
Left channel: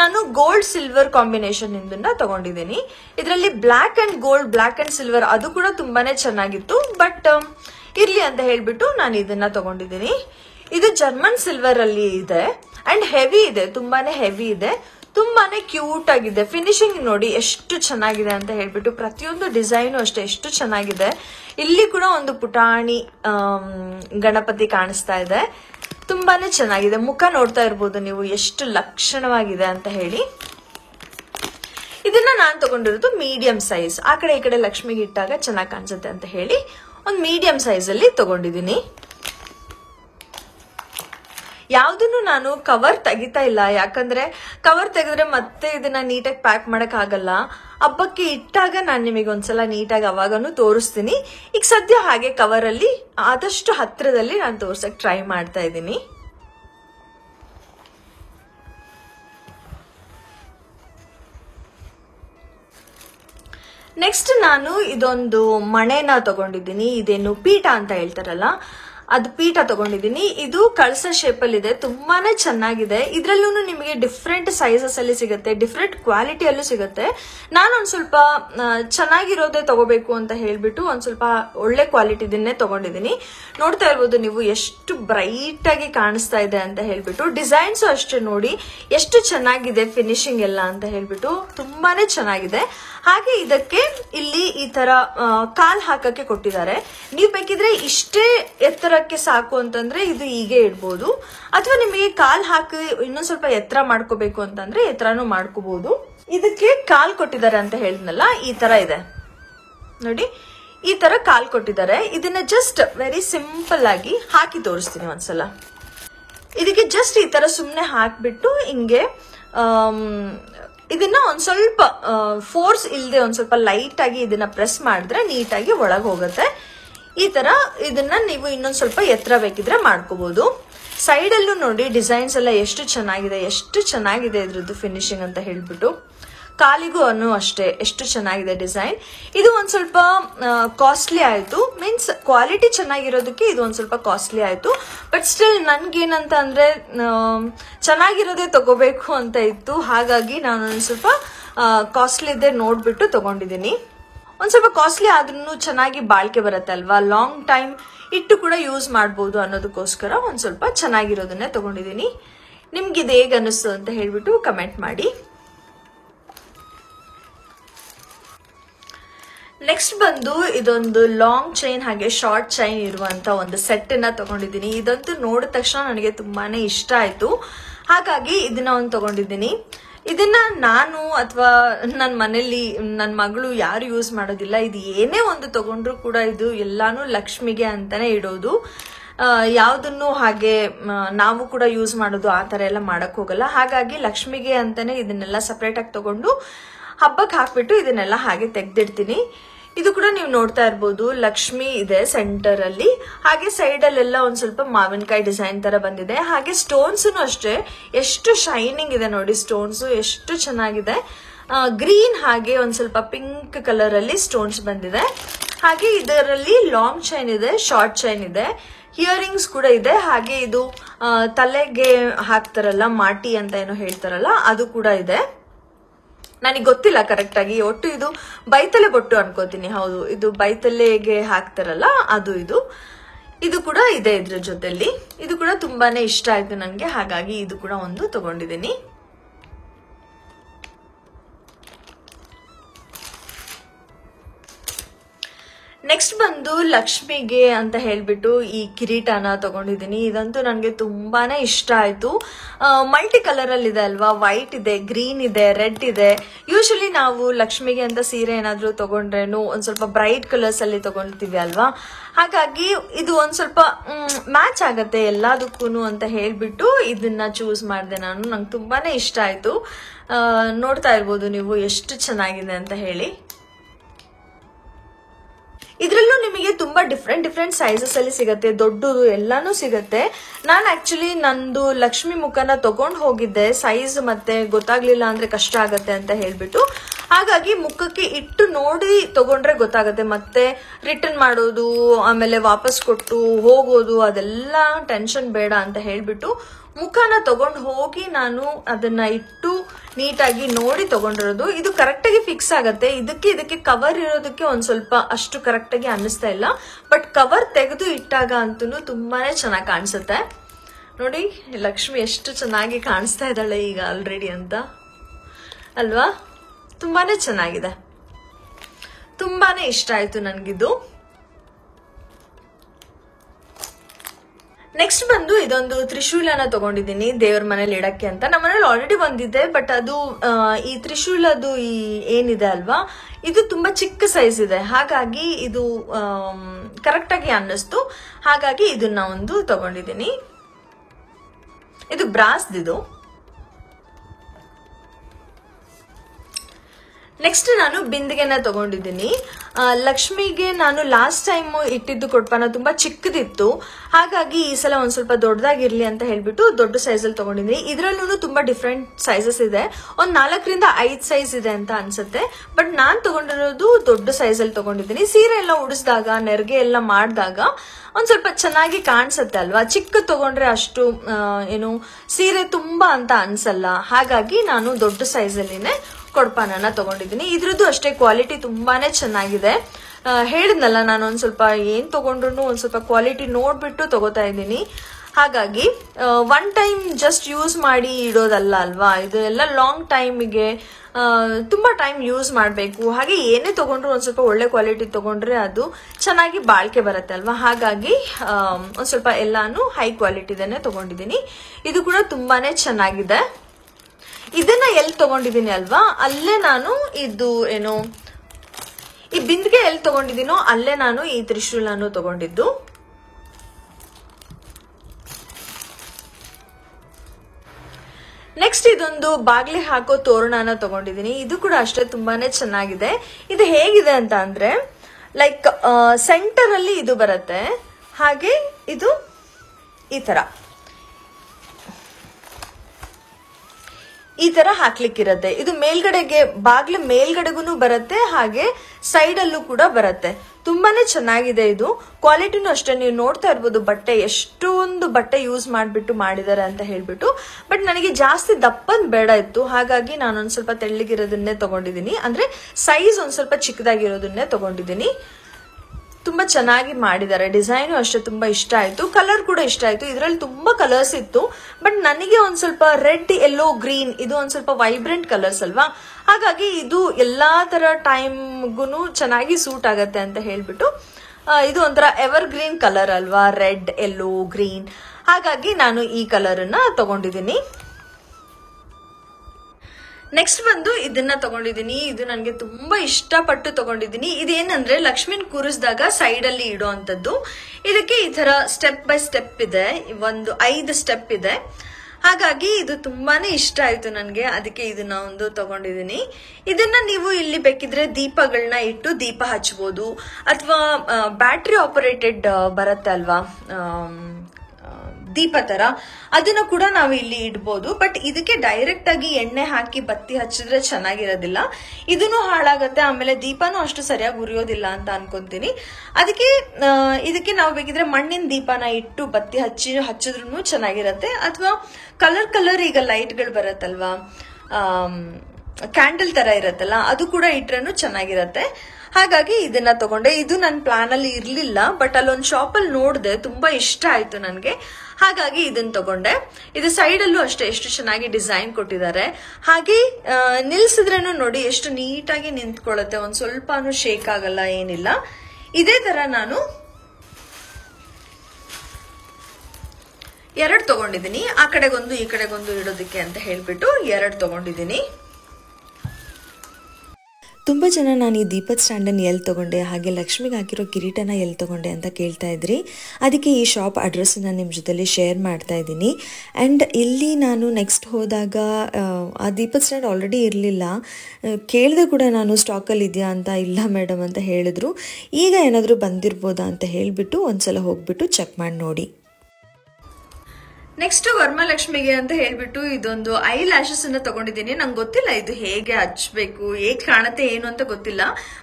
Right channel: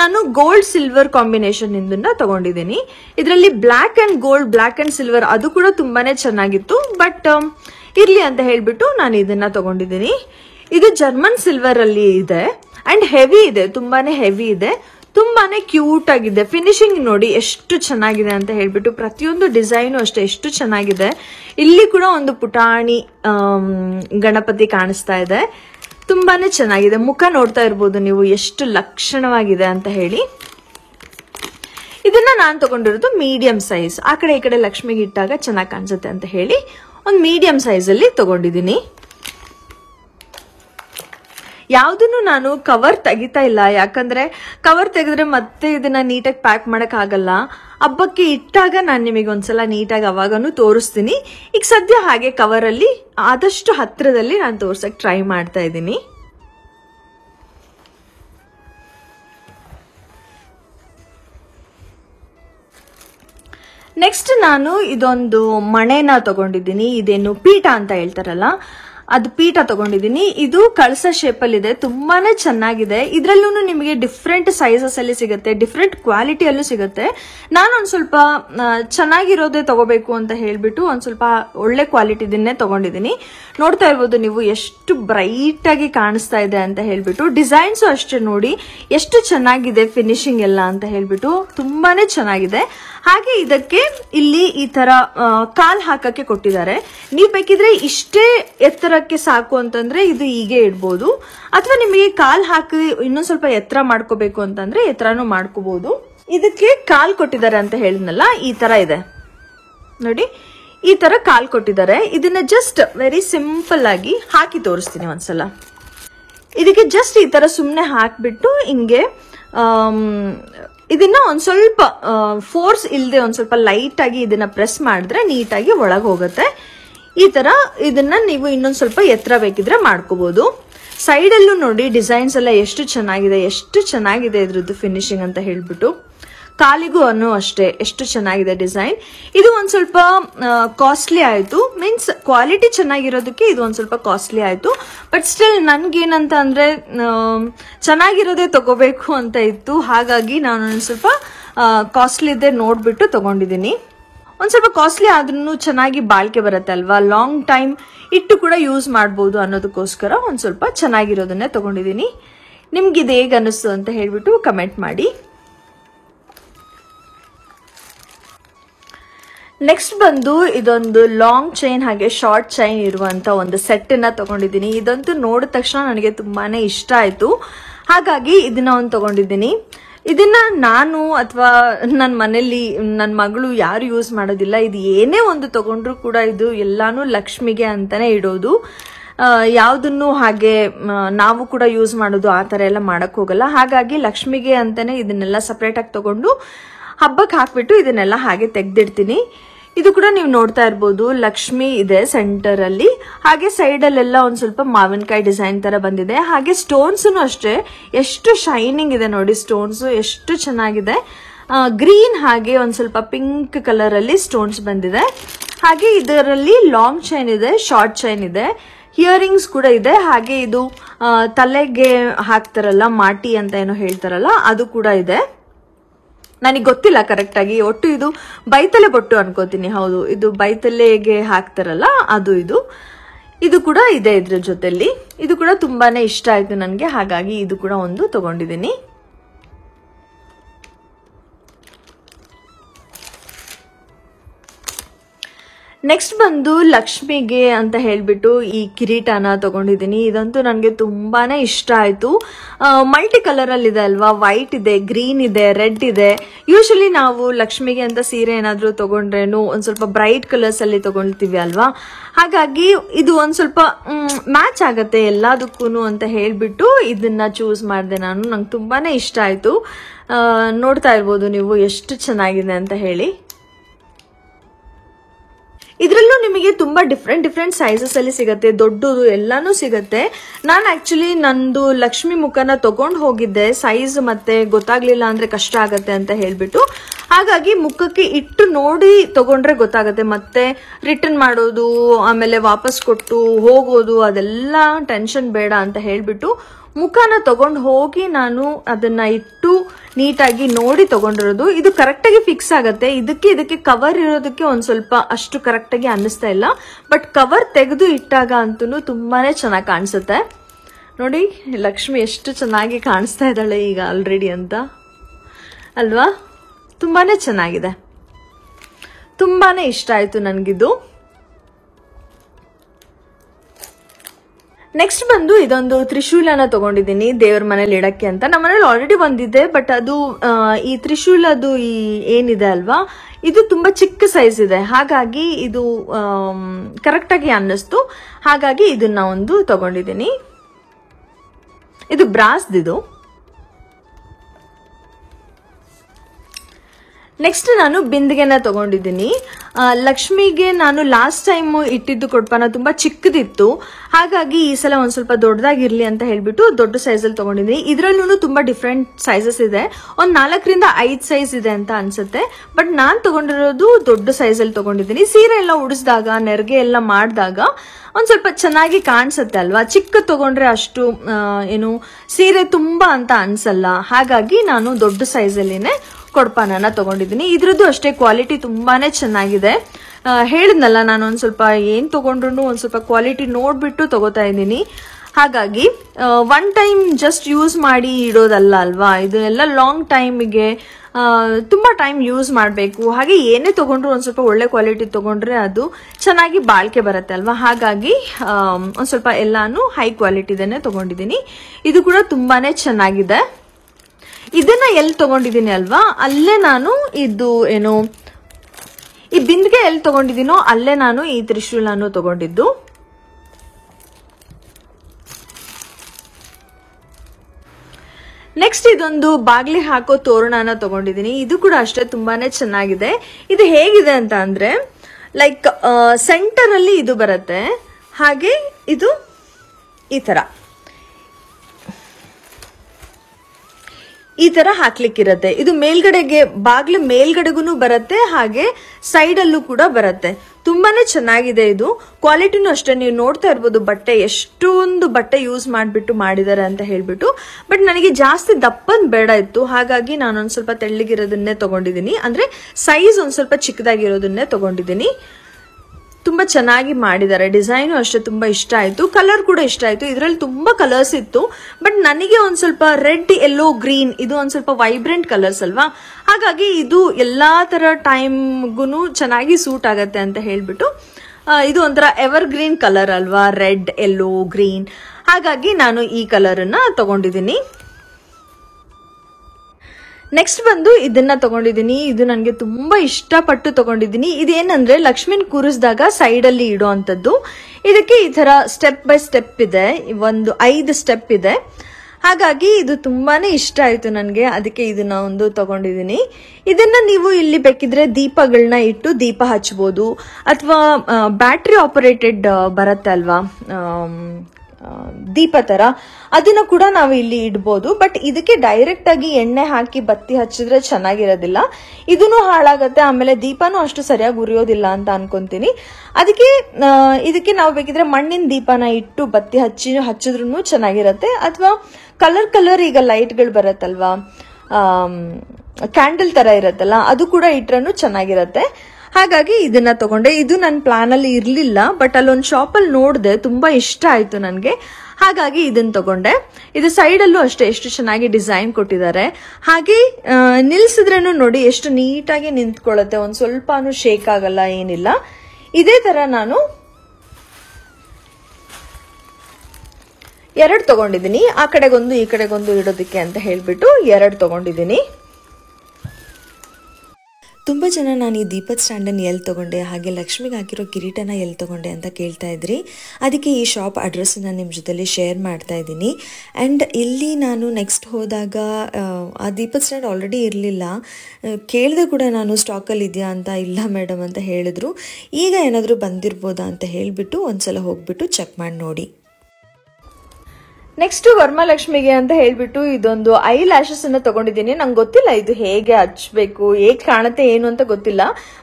ನಾನು ಗೋಲ್ಡ್ ಸಿಲ್ವರ್ ಕಾಂಬಿನೇಷನ್ ಇಂದ ತಗೊಂಡಿದ್ದೀನಿ. ಇದರಲ್ಲಿ black and gold, black and silver ಅದು ಕೂಡ ತುಂಬಾನೇ ಚೆನ್ನಾಗಿತ್ತು, ಬಟ್ ಇರ್ಲಿ ಅಂತ ಹೇಳ್ಬಿಟ್ಟು ನಾನು ಇದನ್ನ ತಗೊಂಡಿದ್ದೀನಿ. ಇದು ಜರ್ಮನ್ ಸಿಲ್ವರ್ ಅಲ್ಲಿ ಇದೆ ಅಂಡ್ ಹೆವಿ ಇದೆ, ತುಂಬಾನೇ ಹೆವಿ ಇದೆ, ತುಂಬಾನೇ ಕ್ಯೂಟ್ ಆಗಿದೆ. ಫಿನಿಶಿಂಗ್ ನೋಡಿ ಎಷ್ಟು ಚೆನ್ನಾಗಿದೆ ಅಂತ ಹೇಳ್ಬಿಟ್ಟು, ಪ್ರತಿಯೊಂದು ಡಿಸೈನ್ ಅಷ್ಟೇ ಎಷ್ಟು ಚೆನ್ನಾಗಿದೆ. ಇಲ್ಲಿ ಕೂಡ ಒಂದು ಪುಟಾಣಿ ಗಣಪತಿ ಕಾಣಿಸ್ತಾ ಇದೆ, ತುಂಬಾನೇ ಚೆನ್ನಾಗಿದೆ. ಮುಖ ನೋಡ್ತಾ ಇರ್ಬೋದು ನೀವು ಎಷ್ಟು ಲಕ್ಷಣವಾಗಿದೆ ಅಂತ ಹೇಳಿ. ಇದನ್ನ ನಾನು ತಗೊಂಡಿರೋದು ಮೀಡಿಯಂ ಸೈಜ್, ಆ ಕಡೆ ಈ ಕಡೆ ಲಕ್ಷ್ಮಿಗೆ ಇಟ್ಟಾಗ ಚೆನ್ನಾಗಿ ಕಾಣಿಸುತ್ತೆ ಅಂತ ಹೇಳಿ ಒಂದು ಮೀಡಿಯಂ ಸೈಜ್ ಅಲ್ಲಿ ತಗೊಂಡಿದ್ದೀನಿ. ಯಾವ್ದನ್ನು ನಾನು ಕವರ್ ತೆಗಿತಾ ಇಲ್ಲ, ಯಾಕಂದ್ರೆ ಕವರ್ ತೆಗೆದ್ರೆ ಮತ್ತೆ ಇದನ್ನ ನೀಟಾಗಿ ಪ್ಯಾಕ್ ಮಾಡಕ್ ಆಗಲ್ಲ. ಹಬ್ಬಕ್ಕೆ ಇಟ್ಟಾಗ ನಾನು ನಿಮಗೆ ಒಂದ್ಸಲ ನೀಟಾಗಿ ಅವಾಗನು ತೋರಿಸ್ತೀನಿ. ಈಗ ಸದ್ಯ ಹಾಗೆ ಕವರ್ ಅಲ್ಲಿ ಆದಷ್ಟು ಹತ್ರದಲ್ಲಿ ನಾನು ತೋರ್ಸಕ್ ಟ್ರೈ ಮಾಡ್ತಾ ಇದ್ದೀನಿ. ನೆಕ್ಸ್ಟ್ ನಾನು ಇದೊಂದು ಮಣೆನ ತಗೊಂಡಿದ್ದೀನಿ, ಇದೇನು ಪೀಠ ಅಂತ ಹೇಳ್ತಾರಲ್ಲ ಅದು ಪೀಠ ತಗೊಂಡಿದ್ದೀನಿ. ಇದು ಕಳಸ ಶೇಪ್ ಅಲ್ಲಿ ಇದೆ, ತುಂಬಾನೇ ಚೆನ್ನಾಗಿದೆ. ಇದ್ರಲ್ಲೂ ನಿಮಗೆ ಡಿಫ್ರೆಂಟ್ ಸೈಜಸ್ ಅಲ್ಲಿ ಸಿಗುತ್ತೆ, ಡಿಫ್ರೆಂಟ್ ಕ್ವಾಲಿಟಿಯಲ್ಲೂ ಸಿಗುತ್ತೆ. ನಾನು ಒಂದ್ ಸ್ವಲ್ಪ ಚೆನ್ನಾಗಿರೋದೇ ತಗೋಬೇಕು ಅಂತ ಹೇಳ್ಬಿಟ್ಟು ಒಂದ್ ಸ್ವಲ್ಪ ಒಳ್ಳೆ ಕ್ವಾಲಿಟಿದನ್ನೇ ತಗೊಂಡಿದ್ದೀನಿ. ನೋಡ್ತಾ ಇರ್ಬೋದು ನೀವು ಎಷ್ಟು ಬ್ರೈಟ್ ಆಗಿ ಕಾಣಿಸ್ತಾ ಇದೆ ಅಂತ ಹೇಳ್ಬಿಟ್ಟು. ಡಿಸೈನ್ಸ್ ಅಷ್ಟೇ ನೋಡಿ ಎಷ್ಟು ಚೆನ್ನಾಗಿದೆ, ಫಿನಿಶಿಂಗ್ ಎಲ್ಲ ಅಂತ ಹೇಳ್ಬಿಟ್ಟು ತುಂಬಾನೇ ಚೆನ್ನಾಗಿದೆ. ಹಾಗೆ ಇದಕ್ಕೆ ಇಲ್ಲಿ ಈ ತರ ಕಾಲ್ ಹಾಕಕ್ಕೆ ಕೊಟ್ಟಿದ್ದಾರೆ. ನೀವು ಬೇಕಿದ್ರೆ ಇಷ್ಟೇ ಎತ್ತರಕ್ಕೆ ಸಾಕು ಅಂತಂದ್ರೆ ಇದು ಹೀಗೆ ಇಡ್ಬೋದು, ಅಥವಾ ನಿಮಗೆ ಕಾಲ್ ಹಾಕಿ ಇನ್ನೊಂದ್ ಸ್ವಲ್ಪ ಎತ್ತರ ಮಾಡ್ಕೋಬೇಕು ಅಂತಂದ್ರೆ ಎತ್ತರನೂ ಮಾಡ್ಕೋಬಹುದು. ಇದಕ್ಕೆ ಕಾಲ್ ಕೊಟ್ಟಿದ್ದಾರೆ ಅಂತ ಹೇಳಿದ್ನಲ್ಲ, ಈ ತರ ಇದೆ ನೋಡಿ, ಈ ತರ ಕಾಲ್ ಕೊಟ್ಟಿದ್ದಾರೆ. ಇದನ್ನ ಜಸ್ಟ್ ವೆರಿ ಸಿಂಪಲ್ ಆಗಿ ಹಾಕಿ ತೋರಿಸ್ತೀನಿ ಒಂದ್ಸಲ. ಇದಕ್ಕೆ ಜಸ್ಟ್ ಈ ತರ ಸುಮ್ನೆ ಹಾಕ್ಬಿಟ್ಟು ಹಿಂಗೆ ಇದನ್ನ ಒಂದ್ ಸ್ವಲ್ಪ ಫೋರ್ಸ್ ಇಲ್ಲದೆ ಒಂದ್ ಸ್ವಲ್ಪ ಲೈಟ್ ಆಗಿ ಇದನ್ನ ಪ್ರೆಸ್ ಮಾಡಿದ್ರೆ ನೀಟಾಗಿ ಒಳಗೆ ಹೋಗುತ್ತೆ. ಈ ತರ ಇದನ್ನ ನೀವು ಇನ್ನೊಂದ್ ಸ್ವಲ್ಪ ಎತ್ತರ ಬೇಕಿದ್ರೆ ಮಾಡ್ಕೋಬಹುದು. ಸೈಡ್ ಅಲ್ಲೂ ನೋಡಿ ಡಿಸೈನ್ಸ್ ಎಲ್ಲ ಎಷ್ಟು ಚೆನ್ನಾಗಿದೆ, ಎಷ್ಟು ಚೆನ್ನಾಗಿದೆ ಇದ್ರದ್ದು ಫಿನಿಶಿಂಗ್ ಅಂತ ಹೇಳ್ಬಿಟ್ಟು. ಕಾಲಿಗೂ ಅನ್ನೋ ಅಷ್ಟೇ ಎಷ್ಟು ಚೆನ್ನಾಗಿದೆ ಡಿಸೈನ್. ಇದು ಒಂದ್ ಸ್ವಲ್ಪ ಕಾಸ್ಟ್ಲಿ ಆಯ್ತು, ಮೀನ್ಸ್ ಕ್ವಾಲಿಟಿ ಚೆನ್ನಾಗಿರೋದಕ್ಕೆ ಇದು ಒಂದ್ ಸ್ವಲ್ಪ ಕಾಸ್ಟ್ಲಿ ಆಯ್ತು. ಬಟ್ ಸ್ಟಿಲ್ ನನ್ಗೇನಂತ ಅಂದ್ರೆ ಚೆನ್ನಾಗಿರೋದೇ ತಗೋಬೇಕು ಅಂತ ಇತ್ತು, ಹಾಗಾಗಿ ನಾನು ಒಂದ್ ಸ್ವಲ್ಪ ಕಾಸ್ಟ್ಲಿ ಇದ್ದೇ ನೋಡ್ಬಿಟ್ಟು ತಗೊಂಡಿದ್ದೀನಿ. ಒಂದ್ ಸ್ವಲ್ಪ ಕಾಸ್ಟ್ಲಿ ಆದ್ರೂ ಚೆನ್ನಾಗಿ ಬಾಳಿಕೆ ಬರುತ್ತೆ ಅಲ್ವಾ, ಲಾಂಗ್ ಟೈಮ್ ಇಟ್ಟು ಕೂಡ ಯೂಸ್ ಮಾಡಬಹುದು ಅನ್ನೋದಕ್ಕೋಸ್ಕರ ಒಂದ್ ಸ್ವಲ್ಪ ಚೆನ್ನಾಗಿರೋದನ್ನೇ ತಗೊಂಡಿದ್ದೀನಿ. ನಿಮ್ಗೆ ಇದು ಹೇಗೆ ಅನಿಸ್ತು ಅಂತ ಹೇಳ್ಬಿಟ್ಟು ಕಮೆಂಟ್ ಮಾಡಿ. ನೆಕ್ಸ್ಟ್ ಬಂದು ಇದೊಂದು ಲಾಂಗ್ ಚೈನ್ ಹಾಗೆ ಶಾರ್ಟ್ ಚೈನ್ ಇರುವಂತ ಒಂದು ಸೆಟ್ ಅನ್ನ ತಗೊಂಡಿದ್ದೀನಿ. ಇದಂತೂ ನೋಡಿದ ತಕ್ಷಣ ನನಗೆ ತುಂಬಾನೇ ಇಷ್ಟ ಆಯ್ತು, ಹಾಗಾಗಿ ಇದನ್ನ ಒಂದು ತಗೊಂಡಿದ್ದೀನಿ. ಇದನ್ನ ನಾನು ಅಥವಾ ನನ್ನ ಮನೇಲಿ ನನ್ನ ಮಗಳು ಯಾರು ಯೂಸ್ ಮಾಡೋದಿಲ್ಲ. ಇದು ಏನೇ ಒಂದು ತಗೊಂಡ್ರು ಕೂಡ ಇದು ಎಲ್ಲಾನು ಲಕ್ಷ್ಮಿಗೆ ಅಂತಾನೆ ಇಡೋದು, ಯಾವ್ದನ್ನು ಹಾಗೆ ನಾವು ಕೂಡ ಯೂಸ್ ಮಾಡೋದು ಆ ತರ ಎಲ್ಲ ಮಾಡಕ್ ಹೋಗಲ್ಲ. ಹಾಗಾಗಿ ಲಕ್ಷ್ಮಿಗೆ ಅಂತಾನೆ ಇದನ್ನೆಲ್ಲ ಸಪರೇಟ್ ಆಗಿ ತಗೊಂಡು ಹಬ್ಬಕ್ಕೆ ಹಾಕ್ಬಿಟ್ಟು ಇದನ್ನೆಲ್ಲ ಹಾಗೆ ತೆಗ್ದಿಡ್ತೀನಿ. ಇದು ಕೂಡ ನೀವು ನೋಡ್ತಾ ಇರ್ಬೋದು, ಲಕ್ಷ್ಮಿ ಇದೆ ಸೆಂಟರ್ ಅಲ್ಲಿ, ಹಾಗೆ ಸೈಡ್ ಅಲ್ಲೆಲ್ಲ ಒಂದ್ ಸ್ವಲ್ಪ ಮಾವಿನಕಾಯಿ ಡಿಸೈನ್ ತರ ಬಂದಿದೆ. ಹಾಗೆ ಸ್ಟೋನ್ಸ್ ಅಷ್ಟೇ ಎಷ್ಟು ಶೈನಿಂಗ್ ಇದೆ ನೋಡಿ, ಸ್ಟೋನ್ಸ್ ಎಷ್ಟು ಚೆನ್ನಾಗಿದೆ. ಗ್ರೀನ್ ಹಾಗೆ ಒಂದ್ ಸ್ವಲ್ಪ ಪಿಂಕ್ ಕಲರ್ ಅಲ್ಲಿ ಸ್ಟೋನ್ಸ್ ಬಂದಿದೆ. ಹಾಗೆ ಇದರಲ್ಲಿ ಲಾಂಗ್ ಚೈನ್ ಇದೆ, ಶಾರ್ಟ್ ಚೈನ್ ಇದೆ, ಇಯರಿಂಗ್ಸ್ ಕೂಡ ಇದೆ. ಹಾಗೆ ಇದು ತಲೆಗೆ ಹಾಕ್ತಾರಲ್ಲ ಮಾಟಿ ಅಂತ ಏನೋ ಹೇಳ್ತಾರಲ್ಲ ಅದು ಕೂಡ ಇದೆ. ನನಗೆ ಗೊತ್ತಿಲ್ಲ ಕರೆಕ್ಟ್ ಆಗಿ, ಒಟ್ಟು ಇದು ಬೈತಲೆ ಬೊಟ್ಟು ಅನ್ಕೋತೀನಿ. ಹೌದು, ಇದು ಬೈತಲೆಗೆ ಹಾಕ್ತಾರಲ್ಲ ಅದು. ಇದು ಕೂಡ ಇದೆ ಇದ್ರ ಜೊತೆಲಿ. ಇದು ಕೂಡ ತುಂಬಾನೇ ಇಷ್ಟ ಆಯ್ತು ನನಗೆ, ಹಾಗಾಗಿ ಇದು ಕೂಡ ಒಂದು ತಗೊಂಡಿದ್ದೀನಿ. ನೆಕ್ಸ್ಟ್ ಬಂದು ಲಕ್ಷ್ಮಿಗೆ ಅಂತ ಹೇಳ್ಬಿಟ್ಟು ಈ ಕಿರೀಟನ ತಗೊಂಡಿದ್ದೀನಿ. ಇದಂತೂ ನನಗೆ ತುಂಬಾನೇ ಇಷ್ಟ ಆಯ್ತು. ಮಲ್ಟಿ ಕಲರ್ ಅಲ್ಲಿ ಇದೆ ಅಲ್ವಾ, ವೈಟ್ ಇದೆ, ಗ್ರೀನ್ ಇದೆ, ರೆಡ್ ಇದೆ. ಯೂಶಲಿ ನಾವು ಲಕ್ಷ್ಮಿಗೆ ಅಂತ ಸೀರೆ ಏನಾದ್ರೂ ತಗೊಂಡ್ರೇನು ಒಂದ್ ಸ್ವಲ್ಪ ಬ್ರೈಟ್ ಕಲರ್ಸ್ ಅಲ್ಲಿ ತಗೊಳ್ತೀವಿ ಅಲ್ವಾ, ಹಾಗಾಗಿ ಇದು ಒಂದ್ ಸ್ವಲ್ಪ ಮ್ಯಾಚ್ ಆಗತ್ತೆ ಎಲ್ಲದಕ್ಕೂ ಅಂತ ಹೇಳ್ಬಿಟ್ಟು ಇದನ್ನ ಚೂಸ್ ಮಾಡಿದೆ ನಾನು. ನಂಗೆ ತುಂಬಾನೇ ಇಷ್ಟ ಆಯ್ತು. ನೋಡ್ತಾ ಇರ್ಬೋದು ನೀವು ಎಷ್ಟು ಚೆನ್ನಾಗಿದೆ ಅಂತ ಹೇಳಿ. ಇದರಲ್ಲೂ ನಿಮಗೆ ತುಂಬಾ ಡಿಫ್ರೆಂಟ್ ಸೈಜಸ್ ಅಲ್ಲಿ ಸಿಗುತ್ತೆ, ದೊಡ್ಡದು ಎಲ್ಲಾನು ಸಿಗುತ್ತೆ. ನಾನು ಆಕ್ಚುಲಿ ನಂದು ಲಕ್ಷ್ಮಿ ಮುಖನ ತಗೊಂಡು ಹೋಗಿದ್ದೆ, ಸೈಜ್ ಮತ್ತೆ ಗೊತ್ತಾಗ್ಲಿಲ್ಲ ಅಂದ್ರೆ ಕಷ್ಟ ಆಗುತ್ತೆ ಅಂತ ಹೇಳ್ಬಿಟ್ಟು. ಹಾಗಾಗಿ ಮುಖಕ್ಕೆ ಇಟ್ಟು ನೋಡಿ ತಗೊಂಡ್ರೆ ಗೊತ್ತಾಗುತ್ತೆ. ಮತ್ತೆ ರಿಟರ್ನ್ ಮಾಡೋದು, ಆಮೇಲೆ ವಾಪಸ್ ಕೊಟ್ಟು ಹೋಗೋದು, ಅದೆಲ್ಲ ಟೆನ್ಷನ್ ಬೇಡ ಅಂತ ಹೇಳ್ಬಿಟ್ಟು ಮುಖನ ತಗೊಂಡು ಹೋಗಿ ನಾನು ಅದನ್ನ ಇಟ್ಟು ನೀಟಾಗಿ ನೋಡಿ ತಗೊಂಡಿರೋದು. ಇದು ಕರೆಕ್ಟ್ ಆಗಿ ಫಿಕ್ಸ್ ಆಗುತ್ತೆ. ಇದಕ್ಕೆ ಕವರ್ ಇರೋದಕ್ಕೆ ಒಂದ್ ಸ್ವಲ್ಪ ಅಷ್ಟು ಕರೆಕ್ಟ್ ಆಗಿ ಅನ್ನಿಸ್ತಾ ಇಲ್ಲ, ಬಟ್ ಕವರ್ ತೆಗೆದು ಇಟ್ಟಾಗ ಅಂತೂ ತುಂಬಾನೇ ಚೆನ್ನಾಗಿ ಕಾಣಿಸುತ್ತೆ. ನೋಡಿ ಲಕ್ಷ್ಮಿ ಎಷ್ಟು ಚೆನ್ನಾಗಿ ಕಾಣಿಸ್ತಾ ಇದ್ದಾಳೆ ಈಗ ಆಲ್ರೆಡಿ ಅಂತ ಅಲ್ವಾ. ತುಂಬಾನೇ ಚೆನ್ನಾಗಿದೆ, ತುಂಬಾನೇ ಇಷ್ಟ ಆಯ್ತು ನನ್ಗಿದು. ನೆಕ್ಸ್ಟ್ ಬಂದು ಇದೊಂದು ತ್ರಿಶೂಲನ ತಗೊಂಡಿದ್ದೀನಿ ದೇವ್ರ ಮನೇಲಿ ಇಡಕ್ಕೆ ಅಂತ. ನಮ್ಮ ಮನೇಲಿ ಆಲ್ರೆಡಿ ಒಂದಿದೆ, ಬಟ್ ಅದು ಈ ತ್ರಿಶೂಲದು ಏನಿದೆ ಅಲ್ವಾ, ಇದು ತುಂಬಾ ಚಿಕ್ಕ ಸೈಜ್ ಇದೆ. ಹಾಗಾಗಿ ಇದು ಕರೆಕ್ಟ್ ಆಗಿ ಅನ್ನಿಸ್ತು. ಹಾಗಾಗಿ ಇದನ್ನ ಒಂದು ತಗೊಂಡಿದ್ದೀನಿ. ಇದು ಬ್ರಾಸ್ದಿದು. ನೆಕ್ಸ್ಟ್ ನಾನು ಬಿಂದಿಗೆನ ತಗೊಂಡಿದ್ದೀನಿ. ಲಕ್ಷ್ಮಿಗೆ ನಾನು ಲಾಸ್ಟ್ ಟೈಮ್ ಇಟ್ಟಿದ್ದು ಕೊಡ್ಪಾನ ತುಂಬಾ ಚಿಕ್ಕದಿತ್ತು, ಹಾಗಾಗಿ ಈ ಸಲ ಒಂದ್ ಸ್ವಲ್ಪ ದೊಡ್ಡದಾಗಿರ್ಲಿ ಅಂತ ಹೇಳ್ಬಿಟ್ಟು ದೊಡ್ಡ ಸೈಜ್ ಅಲ್ಲಿ ತಗೊಂಡಿದ್ದೀನಿ. ಇದ್ರಲ್ಲೂ ತುಂಬಾ ಡಿಫ್ರೆಂಟ್ ಸೈಜಸ್ ಇದೆ, ಒಂದ್ 4 ರಿಂದ 5 ಸೈಜ್ ಇದೆ ಅಂತ ಅನ್ಸುತ್ತೆ. ಬಟ್ ನಾನ್ ತಗೊಂಡಿರೋದು ದೊಡ್ಡ ಸೈಜ್ ಅಲ್ಲಿ ತಗೊಂಡಿದ್ದೀನಿ. ಸೀರೆ ಎಲ್ಲ ಉಡಿಸಿದಾಗ, ನೆರಿಗೆ ಎಲ್ಲ ಮಾಡಿದಾಗ ಒಂದ್ ಸ್ವಲ್ಪ ಚೆನ್ನಾಗಿ ಕಾಣಿಸುತ್ತೆ ಅಲ್ವಾ. ಚಿಕ್ಕ ತಗೊಂಡ್ರೆ ಅಷ್ಟು ಏನು ಸೀರೆ ತುಂಬಾ ಅಂತ ಅನ್ಸಲ್ಲ. ಹಾಗಾಗಿ ನಾನು ದೊಡ್ಡ ಸೈಜ್ ಅಲ್ಲೇನೆ ಕೊಡ್ಪಾನ ತಗೊಂಡಿದ್ದೀನಿ. ಇದ್ರದ್ದು ಅಷ್ಟೇ ಕ್ವಾಲಿಟಿ ತುಂಬಾನೇ ಚೆನ್ನಾಗಿದೆ. ಹೇಳಿದ್ನಲ್ಲ ನಾನು ಒಂದ್ ಸ್ವಲ್ಪ ಏನ್ ತಗೊಂಡ್ರು ಒಂದ್ ಸ್ವಲ್ಪ ಕ್ವಾಲಿಟಿ ನೋಡ್ಬಿಟ್ಟು ತಗೋತಾ ಇದ್ದೀನಿ. ಹಾಗಾಗಿ ಒನ್ ಟೈಮ್ ಜಸ್ಟ್ ಯೂಸ್ ಮಾಡಿ ಇಡೋದಲ್ಲ ಅಲ್ವಾ, ಇದೆಲ್ಲ ಲಾಂಗ್ ಟೈಮ್ಗೆ ತುಂಬಾ ಟೈಮ್ ಯೂಸ್ ಮಾಡಬೇಕು. ಹಾಗೆ ಏನೇ ತಗೊಂಡ್ರು ಒಂದ್ ಸ್ವಲ್ಪ ಒಳ್ಳೆ ಕ್ವಾಲಿಟಿ ತಗೊಂಡ್ರೆ ಅದು ಚೆನ್ನಾಗಿ ಬಾಳ್ಕೆ ಬರುತ್ತೆ ಅಲ್ವಾ. ಹಾಗಾಗಿ ಒಂದ್ ಸ್ವಲ್ಪ ಎಲ್ಲಾನು ಹೈ ಕ್ವಾಲಿಟಿದೇನೆ ತಗೊಂಡಿದ್ದೀನಿ. ಇದು ಕೂಡ ತುಂಬಾನೇ ಚೆನ್ನಾಗಿದೆ. ಇದನ್ನ ಎಲ್ಲಿ ತಗೊಂಡಿದ್ದೀನಿ ಅಲ್ವಾ, ಅಲ್ಲೇ ನಾನು ಇದು ಏನು ಈ ಬಿಂದಿಗೆ ಎಲ್ಲಿ ತಗೊಂಡಿದ್ದೀನೋ ಅಲ್ಲೇ ನಾನು ಈ ತ್ರಿಶೂಲನು ತಗೊಂಡಿದ್ದು. ನೆಕ್ಸ್ಟ್ ಇದೊಂದು ಬಾಗ್ಲಿ ಹಾಕೋ ತೋರಣನ ತಗೊಂಡಿದ್ದೀನಿ. ಇದು ಕೂಡ ಅಷ್ಟೇ ತುಂಬಾನೇ ಚೆನ್ನಾಗಿದೆ. ಇದು ಹೇಗಿದೆ ಅಂತ ಅಂದ್ರೆ ಲೈಕ್ ಸೆಂಟರ್ ಅಲ್ಲಿ ಇದು ಬರುತ್ತೆ, ಹಾಗೆ ಇದು ಈ ತರ ಹಾಕ್ಲಿಕ್ಕಿರತ್ತೆ. ಇದು ಮೇಲ್ಗಡೆಗೆ ಬಾಗ್ಲಿ ಮೇಲ್ಗಡೆಗೂ ಬರುತ್ತೆ, ಹಾಗೆ ಸೈಡ್ ಅಲ್ಲೂ ಕೂಡ ಬರುತ್ತೆ. ತುಂಬಾನೇ ಚೆನ್ನಾಗಿದೆ. ಇದು ಕ್ವಾಲಿಟಿನೂ ಅಷ್ಟೇ, ನೀವು ನೋಡ್ತಾ ಇರ್ಬೋದು ಬಟ್ಟೆ ಎಷ್ಟೊಂದು ಬಟ್ಟೆ ಯೂಸ್ ಮಾಡ್ಬಿಟ್ಟು ಮಾಡಿದ್ದಾರೆ ಅಂತ ಹೇಳ್ಬಿಟ್ಟು. ಬಟ್ ನನಗೆ ಜಾಸ್ತಿ ದಪ್ಪನ್ ಬೇಡ ಇತ್ತು, ಹಾಗಾಗಿ ನಾನು ಒಂದ್ ಸ್ವಲ್ಪ ತೆಳ್ಳಗಿರೋದನ್ನೇ ತಗೊಂಡಿದ್ದೀನಿ. ಅಂದ್ರೆ ಸೈಜ್ ಒಂದ್ ಸ್ವಲ್ಪ ಚಿಕ್ಕದಾಗಿರೋದನ್ನೇ ತಗೊಂಡಿದ್ದೀನಿ. ತುಂಬಾ ಚೆನ್ನಾಗಿ ಮಾಡಿದ್ದಾರೆ. ಡಿಸೈನ್ ಅಷ್ಟೇ ತುಂಬಾ ಇಷ್ಟ ಆಯ್ತು. ಕಲರ್ ಕೂಡ ಇಷ್ಟ ಆಯ್ತು. ಇದರಲ್ಲಿ ತುಂಬಾ ಕಲರ್ಸ್ ಇತ್ತು, ಬಟ್ ನನಗೆ ಒಂದ್ ಸ್ವಲ್ಪ ರೆಡ್, ಯೆಲ್ಲೋ, ಗ್ರೀನ್ ಇದು ಒಂದ್ ಸ್ವಲ್ಪ ವೈಬ್ರೆಂಟ್ ಕಲರ್ಸ್ ಅಲ್ವಾ. ಹಾಗಾಗಿ ಇದು ಎಲ್ಲಾ ತರ ಟೈಮ್ಗೂ ಚೆನ್ನಾಗಿ ಸೂಟ್ ಆಗತ್ತೆ ಅಂತ ಹೇಳ್ಬಿಟ್ಟು, ಇದು ಒಂಥರ ಎವರ್ ಗ್ರೀನ್ ಕಲರ್ ಅಲ್ವಾ, ರೆಡ್, ಯೆಲ್ಲೋ, ಗ್ರೀನ್. ಹಾಗಾಗಿ ನಾನು ಈ ಕಲರ್ ಅನ್ನ ತಗೊಂಡಿದ್ದೀನಿ. ನೆಕ್ಸ್ಟ್ ಬಂದು ಇದನ್ನ ತಗೊಂಡಿದ್ದೀನಿ. ಇದು ನನಗೆ ತುಂಬಾ ಇಷ್ಟಪಟ್ಟು ತಗೊಂಡಿದ್ದೀನಿ. ಇದೇನಂದ್ರೆ ಲಕ್ಷ್ಮಿನ ಕೂರಿಸಿದಾಗ ಸೈಡ್ ಅಲ್ಲಿ ಇಡೋ ಅಂತದ್ದು. ಇದಕ್ಕೆ ಈ ತರ ಸ್ಟೆಪ್ ಬೈ ಸ್ಟೆಪ್ ಇದೆ, ಒಂದು 5 ಸ್ಟೆಪ್ ಇದೆ. ಹಾಗಾಗಿ ಇದು ತುಂಬಾನೇ ಇಷ್ಟ ಆಯ್ತು ನನಗೆ, ಅದಕ್ಕೆ ಇದನ್ನ ಒಂದು ತಗೊಂಡಿದ್ದೀನಿ. ಇದನ್ನ ನೀವು ಇಲ್ಲಿ ಬೇಕಿದ್ರೆ ದೀಪಗಳನ್ನ ಇಟ್ಟು ದೀಪ ಹಚ್ಚಬಹುದು, ಅಥವಾ ಬ್ಯಾಟ್ರಿ ಆಪರೇಟೆಡ್ ಬರುತ್ತೆ ಅಲ್ವಾ ದೀಪ ತರ, ಅದನ್ನ ಕೂಡ ನಾವು ಇಲ್ಲಿ ಇಡಬಹುದು. ಬಟ್ ಇದಕ್ಕೆ ಡೈರೆಕ್ಟ್ ಆಗಿ ಎಣ್ಣೆ ಹಾಕಿ ಬತ್ತಿ ಹಚ್ಚಿದ್ರೆ ಚೆನ್ನಾಗಿರೋದಿಲ್ಲ, ಇದನ್ನು ಹಾಳಾಗತ್ತೆ. ಆಮೇಲೆ ದೀಪನೂ ಅಷ್ಟು ಸರಿಯಾಗಿ ಉರಿಯೋದಿಲ್ಲ ಅಂತ ಅನ್ಕೊಂತೀನಿ. ಇದಕ್ಕೆ ನಾವು ಬೇಕಿದ್ರೆ ಮಣ್ಣಿನ ದೀಪನ ಇಟ್ಟು ಬತ್ತಿ ಹಚ್ಚಿದ್ರೂ ಚೆನ್ನಾಗಿರತ್ತೆ. ಅಥವಾ ಕಲರ್ ಈಗ ಲೈಟ್ಗಳು ಬರತ್ತಲ್ವಾ, ಕ್ಯಾಂಡಲ್ ತರ ಇರತ್ತಲ್ಲ, ಅದು ಕೂಡ ಇಟ್ರೂ ಚೆನ್ನಾಗಿರತ್ತೆ. ಹಾಗಾಗಿ ಇದನ್ನ ತಗೊಂಡೆ. ಇದು ನನ್ನ ಪ್ಲಾನ್ ಅಲ್ಲಿ ಇರ್ಲಿಲ್ಲ, ಬಟ್ ಅಲ್ಲೊಂದು ಶಾಪ್ ಅಲ್ಲಿ ನೋಡಿದೆ, ತುಂಬಾ ಇಷ್ಟ ಆಯ್ತು ನನ್ಗೆ. ಹಾಗಾಗಿ ಇದನ್ನ ತಗೊಂಡೆ. ಇದು ಸೈಡ್ ಅಲ್ಲೂ ಅಷ್ಟೇ ಎಷ್ಟು ಚೆನ್ನಾಗಿ ಡಿಸೈನ್ ಕೊಟ್ಟಿದ್ದಾರೆ. ಹಾಗೆ ನಿಲ್ಸಿದ್ರೇನು ನೋಡಿ ಎಷ್ಟು ನೀಟಾಗಿ ನಿಂತ್ಕೊಳ್ಳುತ್ತೆ, ಒಂದ್ ಸ್ವಲ್ಪನೂ ಶೇಕ್ ಆಗಲ್ಲ, ಏನಿಲ್ಲ. ಇದೇ ತರ ನಾನು 2 ತಗೊಂಡಿದ್ದೀನಿ. ಆ ಕಡೆಗೊಂದು ಈ ಕಡೆಗೊಂದು ಇಡೋದಕ್ಕೆ ಅಂತ ಹೇಳ್ಬಿಟ್ಟು 2 ತಗೊಂಡಿದ್ದೀನಿ. ತುಂಬ ಜನ ನಾನು ಈ ದೀಪದ ಸ್ಟ್ಯಾಂಡನ್ನು ಎಲ್ಲಿ ತೊಗೊಂಡೆ, ಹಾಗೆ ಲಕ್ಷ್ಮಿಗೆ ಹಾಕಿರೋ ಕಿರೀಟನ ಎಲ್ಲಿ ತೊಗೊಂಡೆ ಅಂತ ಕೇಳ್ತಾ ಇದ್ರಿ. ಅದಕ್ಕೆ ಈ ಶಾಪ್ ಅಡ್ರೆಸ್ಸನ್ನು ನಿಮ್ಮ ಜೊತೆಲಿ ಶೇರ್ ಮಾಡ್ತಾ ಇದ್ದೀನಿ. ಆ್ಯಂಡ್ ಇಲ್ಲಿ ನಾನು ನೆಕ್ಸ್ಟ್ ಹೋದಾಗ ಆ ದೀಪದ ಸ್ಟ್ಯಾಂಡ್ ಆಲ್ರೆಡಿ ಇರಲಿಲ್ಲ. ಕೇಳಿದೆ ಕೂಡ ನಾನು ಸ್ಟಾಕಲ್ಲಿ ಇದೆಯಾ ಅಂತ. ಇಲ್ಲ ಮೇಡಮ್ ಅಂತ ಹೇಳಿದ್ರು. ಈಗ ಏನಾದರೂ ಬಂದಿರ್ಬೋದಾ ಅಂತ ಹೇಳಿಬಿಟ್ಟು ಒಂದ್ಸಲ ಹೋಗ್ಬಿಟ್ಟು ಚೆಕ್ ಮಾಡಿ ನೋಡಿ. ನೆಕ್ಸ್ಟ್ ವರಮಹಾಲಕ್ಷ್ಮಿಗೆ ಅಂತ ಹೇಳ್ಬಿಟ್ಟು ಇದೊಂದು ಐ ಲ್ಯಾಶಸ್ ಅನ್ನ ತಗೊಂಡಿದ್ದೀನಿ. ನಂಗೆ ಗೊತ್ತಿಲ್ಲ ಇದು ಹೇಗೆ ಹಚ್ಬೇಕು, ಹೇಗೆ ಕಾಣುತ್ತೆ ಏನು ಅಂತ ಗೊತ್ತಿಲ್ಲ.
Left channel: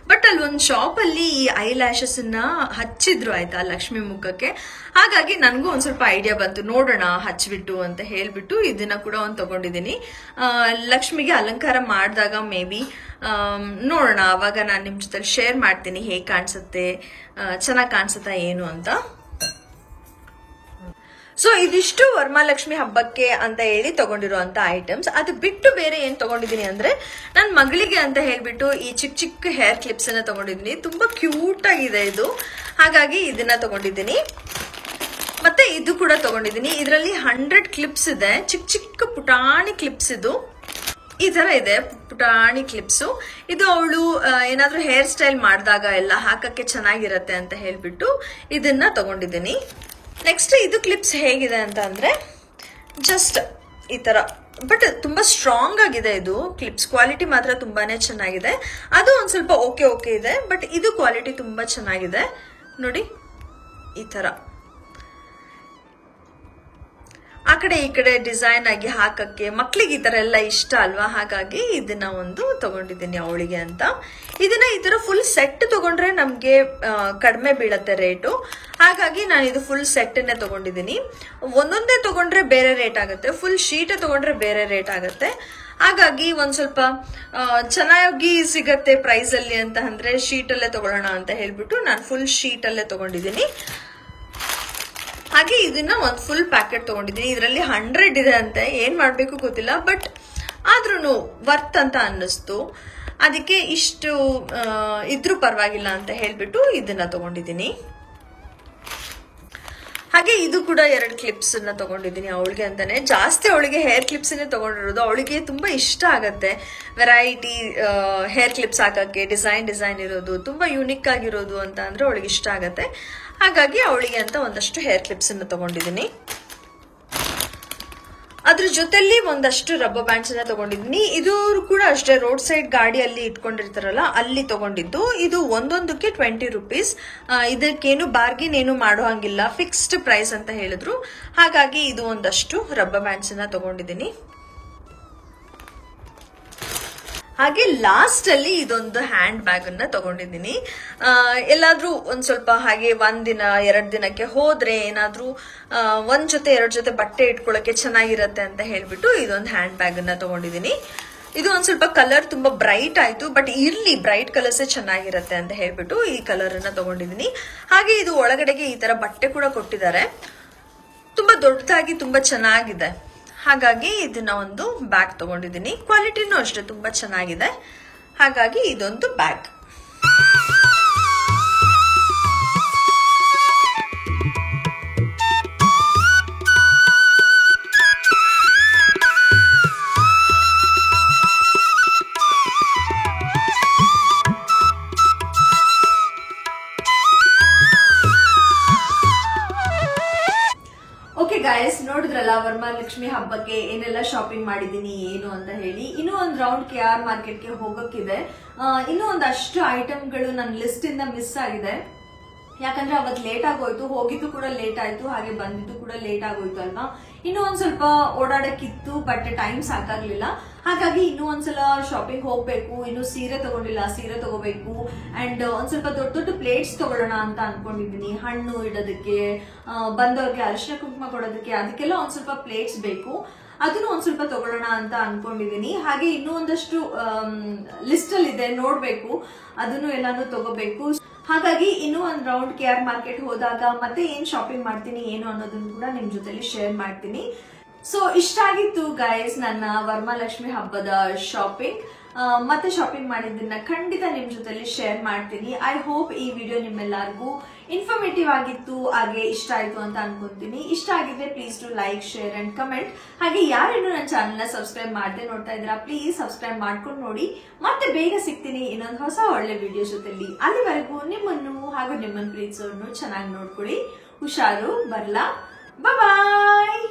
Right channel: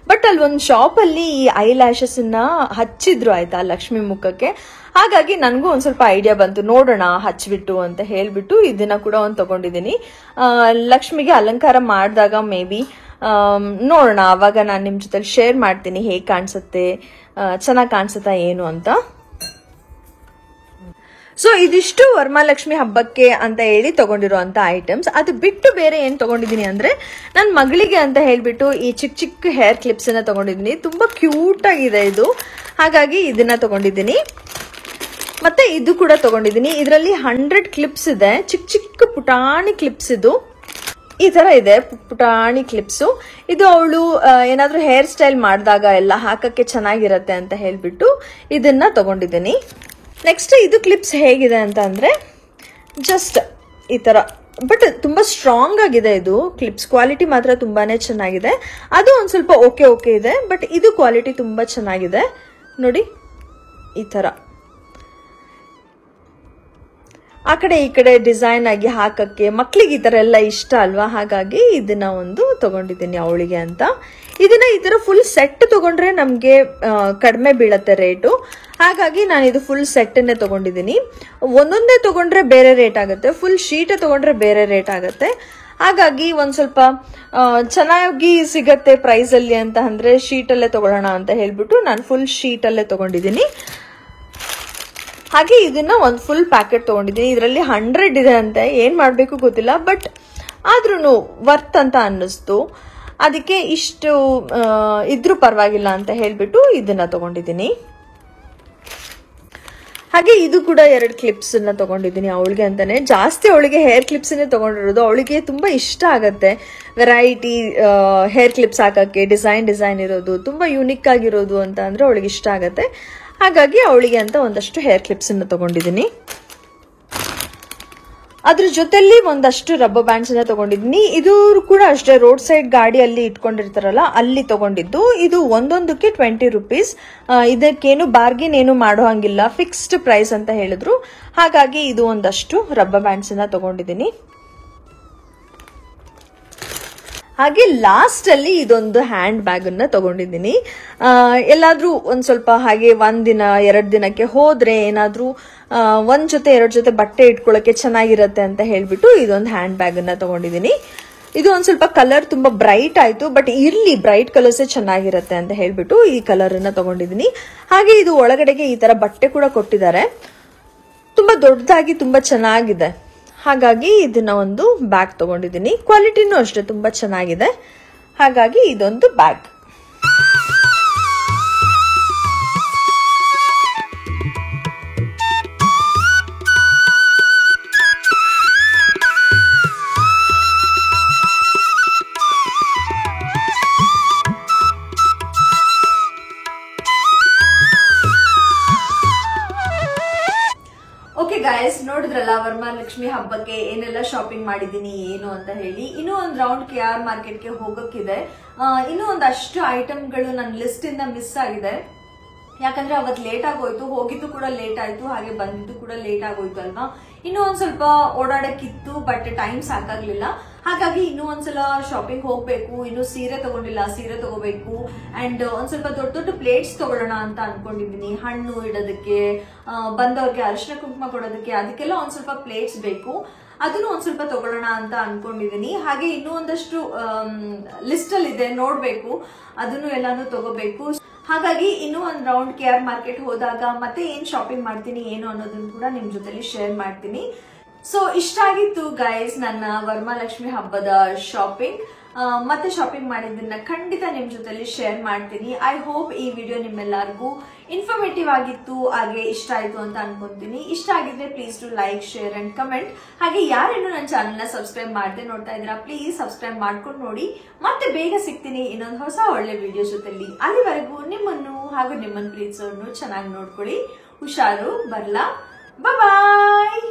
ಬಟ್ ಅಲ್ಲಿ ಒಂದು ಶಾಪ್ ಅಲ್ಲಿ ಈ ಐ ಲ್ಯಾಶಸ್ ಅನ್ನ ಹಚ್ಚಿದ್ರು ಆಯ್ತಾ ಲಕ್ಷ್ಮಿ ಮುಖಕ್ಕೆ. ಹಾಗಾಗಿ ನನಗೂ ಒಂದ್ ಸ್ವಲ್ಪ ಐಡಿಯಾ ಬಂತು, ನೋಡೋಣ ಹಚ್ಬಿಟ್ಟು ಅಂತ ಹೇಳ್ಬಿಟ್ಟು ಇದನ್ನ ಕೂಡ ಒಂದು ತಗೊಂಡಿದ್ದೀನಿ. ಲಕ್ಷ್ಮಿಗೆ ಅಲಂಕಾರ ಮಾಡಿದಾಗ ಮೇ ಬಿ ನೋಡೋಣ, ಅವಾಗ ನಾನು ನಿಮ್ಮ ಜೊತೆ ಶೇರ್ ಮಾಡ್ತೀನಿ ಹೇಗೆ ಕಾಣಿಸುತ್ತೆ, ಚೆನ್ನಾಗಿ ಕಾಣಿಸುತ್ತಾ ಏನು ಅಂತ. ಸೊ ಇದಿಷ್ಟು ವರಮಹಾಲಕ್ಷ್ಮಿ ಹಬ್ಬಕ್ಕೆ ಅಂತ ಹೇಳಿ ತಗೊಂಡಿರುವಂತ ಐಟಮ್ಸ್. ಅದು ಬಿಟ್ಟು ಬೇರೆ ಏನ್ ತಗೊಂಡಿದ್ದೀನಿ ಅಂದ್ರೆ, ನನ್ನ ಮಗಳಿಗೆ ಅಂತ ಹೇಳ್ಬಿಟ್ಟು ಈ ಚಿಕ್ಕ ಚಿಕ್ಕ ಹೇರ್ ಕ್ಲಿಪ್ಸ್ ಅನ್ನ ತಗೊಂಡಿದ್ದೀನಿ. ತುಂಬಾ ಕ್ಯೂಟ್ ಆಗಿದೆ ಇದು, ಹಾಗಾಗಿ ಇದನ್ನ ತಗೊಂಡಿದ್ದೀನಿ. ಮತ್ತೆ ಇದು ಕೂಡ ತಗೊಂಡಿದ್ದೀನಿ. ಇದರಲ್ಲಿ 100 ಕ್ಲಿಪ್ಸ್ ಇದೆ, ಚಿಕ್ಕ ಚಿಕ್ಕ ಪುಟಾಣಿ ಕ್ಲಿಪ್ಸ್. ಇದು ಈ ತರ ಇದೆ ಪುಟಾಣಿ ಕ್ಲಿಪ್ಸು. ಇದು ಅವಳು ಏನಾದ್ರೂ ಹೇರ್ ಸ್ಟೈಲ್ ಮಾಡಿದಾಗ ಎಲ್ಲ ಹಾಕಕ್ಕೆ ಚೆನ್ನಾಗಿರತ್ತೆ ಅಂತ ಹೇಳ್ಬಿಟ್ಟು ಇದನ್ನ ತಗೊಂಡಿದ್ದೀನಿ. ನೆಕ್ಸ್ಟ್ ಇದು ಕ್ಲಿಪ್ಸ್ ಹೇಗಿದೆ ಅಂತ ಅಂದ್ರೆ ಜಸ್ಟ್ ಈ ತರ, ಬಟ್ ತುಂಬಾ ಸ್ಟ್ರಾಂಗ್ ಆಗಿದೆ ಇದು ಕ್ಲಿಪ್ಸ್. ಕ್ವಾಲಿಟಿ ಮಾತ್ರ ತುಂಬಾನೇ ಚೆನ್ನಾಗಿದೆ. ಅದು ಒಂದ್ ಸ್ವಲ್ಪ ಓಕೆ ಇದೆ, ಬಟ್ ಇದು ಕ್ವಾಲಿಟಿ ತುಂಬಾ ಚೆನ್ನಾಗಿದೆ ನೋಡಿ. ಈ ತರ ಆ ಕಡೆ ಈ ಕಡೆ ಡಿಸೈನ್ ಆಗಿ ಹಾಕಕ್ಕೆ ಮಕ್ಳಿಗೆ ಈ ತರ ಎಲ್ಲ ಇಷ್ಟ ಅಲ್ವಾ, ಹಾಗಾಗಿ ಇದನ್ನ ಒಂದು ತಗೊಂಡಿದ್ದೀನಿ ಅವಳಿಗೆ ಅಂತ. ಇದನ್ನ ಈ ತರ ಫುಲ್ ಸೆಟ್ ತಗೊಂಡ್ರೆ ನಮ್ಗೆ ಕಡಿಮೆ ಬೀಳತ್ತೆ ರೇಟು. ಹಾಗಾಗಿ ನಾನು ಇದು ಫುಲ್ ಸೆಟ್ ಅನ್ನೇ ತಗೊಂಡಿದ್ದೀನಿ. ಒಂದೊಂದೇ ತಗೊಂಡ್ರೆ ಬೇರೆ ರೇಟ್ ಆಗುತ್ತೆ, ಫುಲ್ ಶೀಟ್ ತಗೊಂಡ್ರೆ ಬೇರೆ ರೇಟ್ ಆಗುತ್ತೆ. ಹಾಗಾಗಿ ಒಂದ್ ಸ್ವಲ್ಪ ಚೆನ್ನಾಗಿ ಸಿಗತ್ತೆ ಪ್ರೈಸ್ ಅಲ್ಲಿ ಅಂತ ಅಂದ್ರೆ ಶೀಟ್ ಅಲ್ಲೇ ತಗೊಳ್ಳೋಣ ಅಂತ ಹೇಳ್ಬಿಟ್ಟು ನಾನು ಫುಲ್ ಶೀಟ್ ಅಲ್ಲೇ ತಗೊಂಡಿದ್ದೀನಿ. ಹಾಗೆ ಇದನ್ನ ಒಂದು ಫುಲ್ ಪ್ಯಾಕೆಟ್ ತಗೊಂಡಿದ್ದೀನಿ. ಇದರಲ್ಲಿ 100 ಇದೆ ಅಂತೆ, ಏನ್ ಮಾಡ್ಬೇಕು ಗೊತ್ತಿಲ್ಲ, ಬಟ್ ಆದ್ರೂ ವರ್ತ್ ಅಂತ ಅನ್ನಿಸ್ತು. ಅದಕ್ಕೆ ಇಷ್ಟು ಇದ್ರೂ ಪರವಾಗಿಲ್ಲ ಅಂತ ಹೇಳ್ಬಿಟ್ಟು ಇದನ್ನ ತಗೊಂಡಿದ್ದೀನಿ. ಹಾಗೆ ಇದು ಕೂಡ 2 ಕ್ಲಿಪ್ಸ್ ಅನ್ನ ತಗೊಂಡಿದ್ದೀನಿ ಅವಳಿಗೆ ಅಂತಾನೆ. ಜಾಸ್ತಿ ಅವಳಿಗೆ ಹೇರ್ ಕ್ಲಿಪ್ಸ್ ಅನ್ನೇ ತಗೊಂಡಿರೋದು. ಅವಳಿಗೆ ತುಂಬಾ ಇಷ್ಟ ಆಗತ್ತೆ ವೆರೈಟಿ ಹೇರ್ ಕ್ಲಿಪ್ಸ್ ಹಾಕಕ್ಕೆ, ಡಿಸೈನ್ ಇರೋದು, ತುಂಬಾ ಯೂನಿಕ್ ಆಗಿರೋದು ಅಂತ ಅಂದ್ರೆ ಅವಳಿಗೆ ಇಷ್ಟ ಆಗತ್ತೆ. ಹಾಗಾಗಿ ಅವಳಿಗೆ ಅಂತ ಒಂದಷ್ಟು ಹೇರ್ ಕ್ಲಿಪ್ಸ್ ಅನ್ನು ತಗೊಂಡಿದ್ದೀನಿ. ಅದ್ರ ಜೊತೆಲಿ ಒಂದಷ್ಟು ರಬ್ಬರ್ ಬ್ಯಾಂಡ್ಸ್ ಅನ್ನ ತಗೊಂಡಿದ್ದೀನಿ. ಇದು ಕೂಡ ಅಷ್ಟೇ ರೋಡ್ ಸೈಡ್ ಗಾಡಿಯಲ್ಲಿ ಇಟ್ಕೊಂಡಿರ್ತಾರಲ್ಲ ಅಲ್ಲಿ ತಗೊಂಡಿದ್ದು. ಇದು ಒಂದೊಂದಕ್ಕೆ 20 ರೂಪೀಸ್. ಇದಕ್ಕೇನು ಬಾರ್ಗಿನ್ ಏನು ಮಾಡೋ ಹಂಗಿಲ್ಲ, ಫಿಕ್ಸ್ಡ್ ಪ್ರೈಸ್ ಅಂತ ಹೇಳಿದ್ರು. ಹಾಗಾಗಿ ಇದು ಒಂದಷ್ಟು ರಬ್ಬರ್ ಬ್ಯಾಂಡ್ಸ್ ಅನ್ನ ತಗೊಂಡಿದ್ದೀನಿ. ಹಾಗೆ ಲಾಸ್ಟ್ ಅಲ್ಲಿ ಇದೊಂದು ಹ್ಯಾಂಡ್ ಬ್ಯಾಗ್ ಅನ್ನ ತಗೊಂಡಿದ್ದೀನಿ. ಎಲ್ಲಾದ್ರೂ ಒಂದ್ ಸ್ವಲ್ಪ ಹಾಗೆ 1 ದಿನ 2 ದಿನಕ್ಕೆ ಹೋದ್ರೆ ಏನಾದ್ರೂ 1 ಜೊತೆ 2 ಜೊತೆ ಬಟ್ಟೆ ಇಟ್ಕೊಳ್ಳಕ್ಕೆ ಚೆನ್ನಾಗಿರತ್ತೆ ಅಂತ ಹೇಳ್ಬಿಟ್ಟು ಇದೊಂದು ಹ್ಯಾಂಡ್ ಬ್ಯಾಗ್ ಅನ್ನ ತಗೊಂಡಿದ್ದೀನಿ. ಇದು ಒಂದ್ ಸ್ವಲ್ಪ ಕಲರ್ ತುಂಬಾ ಬ್ರೈಟ್ ಆಯ್ತು, ಬಟ್ ಇಲ್ಲಿ ಬ್ರೈಟ್ ಕಲರ್ಸೇ ಚೆನ್ನಾಗಿರತ್ತೆ ಅಂತ ಹೇಳ್ಬಿಟ್ಟು ಈ ಕಲರ್ ಅನ್ನ ತಗೊಂಡಿದ್ದೀನಿ. ಹಾಗೆ ಇದು ಒಳಗಡೆಗೆ ಈ ತರ ಬಟ್ಟೆ ಕೂಡ ಕೊಟ್ಟಿದ್ದಾರೆ. ತುಂಬಾ ದೊಡ್ಡದಾಗಿ ತುಂಬಾ ಚೆನ್ನಾಗಿದೆ. ಹಾಗಾಗಿ ಇದನ್ನ ಒಂದು ಬ್ಯಾಗ್ ತಗೊಂಡಿದ್ದೀನಿ. ಕ್ವಾಲಿಟಿನೂ ಅಷ್ಟೇ ತುಂಬಾ ಚೆನ್ನಾಗಿದೆ. ಹಾಗಾಗಿ ಇದೊಂದು ಬ್ಯಾಗ್. ಓಕೆ ಗಾಯ್ಸ್, ನೋಡಿದ್ರಲ್ಲ ವರಮಹಾಲಕ್ಷ್ಮಿ ಹಬ್ಬಕ್ಕೆ ಏನೆಲ್ಲ ಶಾಪಿಂಗ್ ಮಾಡಿದೀನಿ ಏನು ಅಂತ ಹೇಳಿ. ಇನ್ನೂ ಒಂದು ರೌಂಡ್ KR ಮಾರ್ಕೆಟ್ಗೆ ಹೋಗಕ್ಕಿದೆ. ಇನ್ನೂ ಒಂದಷ್ಟು ಐಟಮ್ಗಳು ನನ್ನ ಲಿಸ್ಟ್ ಇಂದ ಮಿಸ್ ಆಗಿದೆ. ಯಾಕಂದ್ರೆ ಅವತ್ತು ಲೇಟ್ ಆಗೋಯ್ತು, ಹೋಗಿದ್ದು ಕೂಡ ಲೇಟ್ ಆಯ್ತು, ಹಾಗೆ ಬಂದಿದ್ದು ಕೂಡ ಲೇಟ್ ಆಗೋಯ್ತು ಅಲ್ವಾ. ಇನ್ನೂ ಒಂದ್ ಸ್ವಲ್ಪ ಓಡಾಡಕ್ಕಿತ್ತು, ಬಟ್ ಟೈಮ್ ಸಾಕಾಗ್ಲಿಲ್ಲ. ಹಾಗಾಗಿ ಇನ್ನೂ ಒಂದ್ಸಲ ಶಾಪಿಂಗ್ ಹೋಗ್ಬೇಕು. ಇನ್ನು ಸೀರೆ ತಗೊಂಡಿಲ್ಲ, ಸೀರೆ ತಗೋಬೇಕು. ಅಂಡ್ ಒಂದ್ ಸ್ವಲ್ಪ ದೊಡ್ಡ ದೊಡ್ಡ ಪ್ಲೇಟ್ಸ್ ತಗೊಳ್ಳೋಣ ಅಂತ ಅನ್ಕೊಂಡಿದೀನಿ. ಹಣ್ಣು ಇಡೋದಕ್ಕೆ, ಬಂದವ್ರಿಗೆ ಅರಿಶಿನ ಕುಂಕುಮ ಕೊಡೋದಕ್ಕೆ, ಅದಕ್ಕೆಲ್ಲ ಒಂದ್ ಸ್ವಲ್ಪ ಪ್ಲೇಟ್ಸ್ ಬೇಕು. ಅದನ್ನು ಒಂದ್ ಸ್ವಲ್ಪ ತಗೊಳ್ಳೋಣ ಅಂತ ಅನ್ಕೊಂಡಿದೀನಿ. ಹಾಗೆ ಇನ್ನೂ ಒಂದಷ್ಟು ಲಿಸ್ಟ್ ಅಲ್ಲಿ ಇದೆ, ನೋಡ್ಬೇಕು, ಅದನ್ನು ಎಲ್ಲಾನು ತಗೋಬೇಕು. ಹಾಗಾಗಿ ಇನ್ನೂ ಒಂದ್ ರೌಂಡ್ KR ಮಾರ್ಕೆಟ್ ಹೋದಾಗ ಮತ್ತೆ ಏನ್ ಶಾಪಿಂಗ್ ಮಾಡ್ತೀನಿ ಏನು ಅನ್ನೋದನ್ನ ಕೂಡ ನಿಮ್ ಜೊತೆಲಿ ಶೇರ್ ಮಾಡ್ತೀನಿ. ಸೊ ಇಷ್ಟ ಆಗಿತ್ತು ಗೈಸ್ ನನ್ನ ವರಮಹಾಲಕ್ಷ್ಮಿ ಹಬ್ಬದ ಶಾಪಿಂಗ್. ಮತ್ತೆ ಶಾಪಿಂಗ್ ಮಾಡಿದ್ದನ್ನ ಖಂಡಿತ ನಿಮ್ ಜೊತೆಲಿ ಶೇರ್ ಮಾಡ್ತೀನಿ. ಐ ಹೋಪ್ ಈ ವಿಡಿಯೋ ನಿಮ್ಮೆಲ್ಲರಿಗೂ ಇನ್ಫಾರ್ಮೇಟಿವ್ ಆಗಿತ್ತು, ಹಾಗೆ ಇಷ್ಟ ಆಯ್ತು ಅಂತ ಅನ್ಕೊಂತೀನಿ. ಇಷ್ಟ ಆಗಿದ್ರೆ please to like, share and comment. ಹಾಗೆ ಯಾರೇನು ನನ್ನ ಚಾನಲ್ ನ ಸಬ್ಸ್ಕ್ರೈಬ್ ಮಾಡದೆ ನೋಡ್ತಾ ಇದ್ದೀರಾ, ಪ್ಲೀಸ್ ಸಬ್ಸ್ಕ್ರೈಬ್ ಮಾಡ್ಕೊಂಡು ನೋಡಿ. ಮತ್ತೆ ಬೇಗ ಸಿಗ್ತೀನಿ ಇನ್ನೊಂದು ಹೊಸ ಒಳ್ಳೆ ವಿಡಿಯೋ ಜೊತೆಲಿ. ಅಲ್ಲಿವರೆಗೂ ನಿಮ್ಮನ್ನು ಹಾಗೂ ನಿಮ್ಮನ್ನ ಪ್ರೀತಿಸೋರ್ನು ಚೆನ್ನಾಗಿ ನೋಡ್ಕೊಳ್ಳಿ. ಹುಷಾರು, ಬರ್ಲಾ, ಬಾಯ್.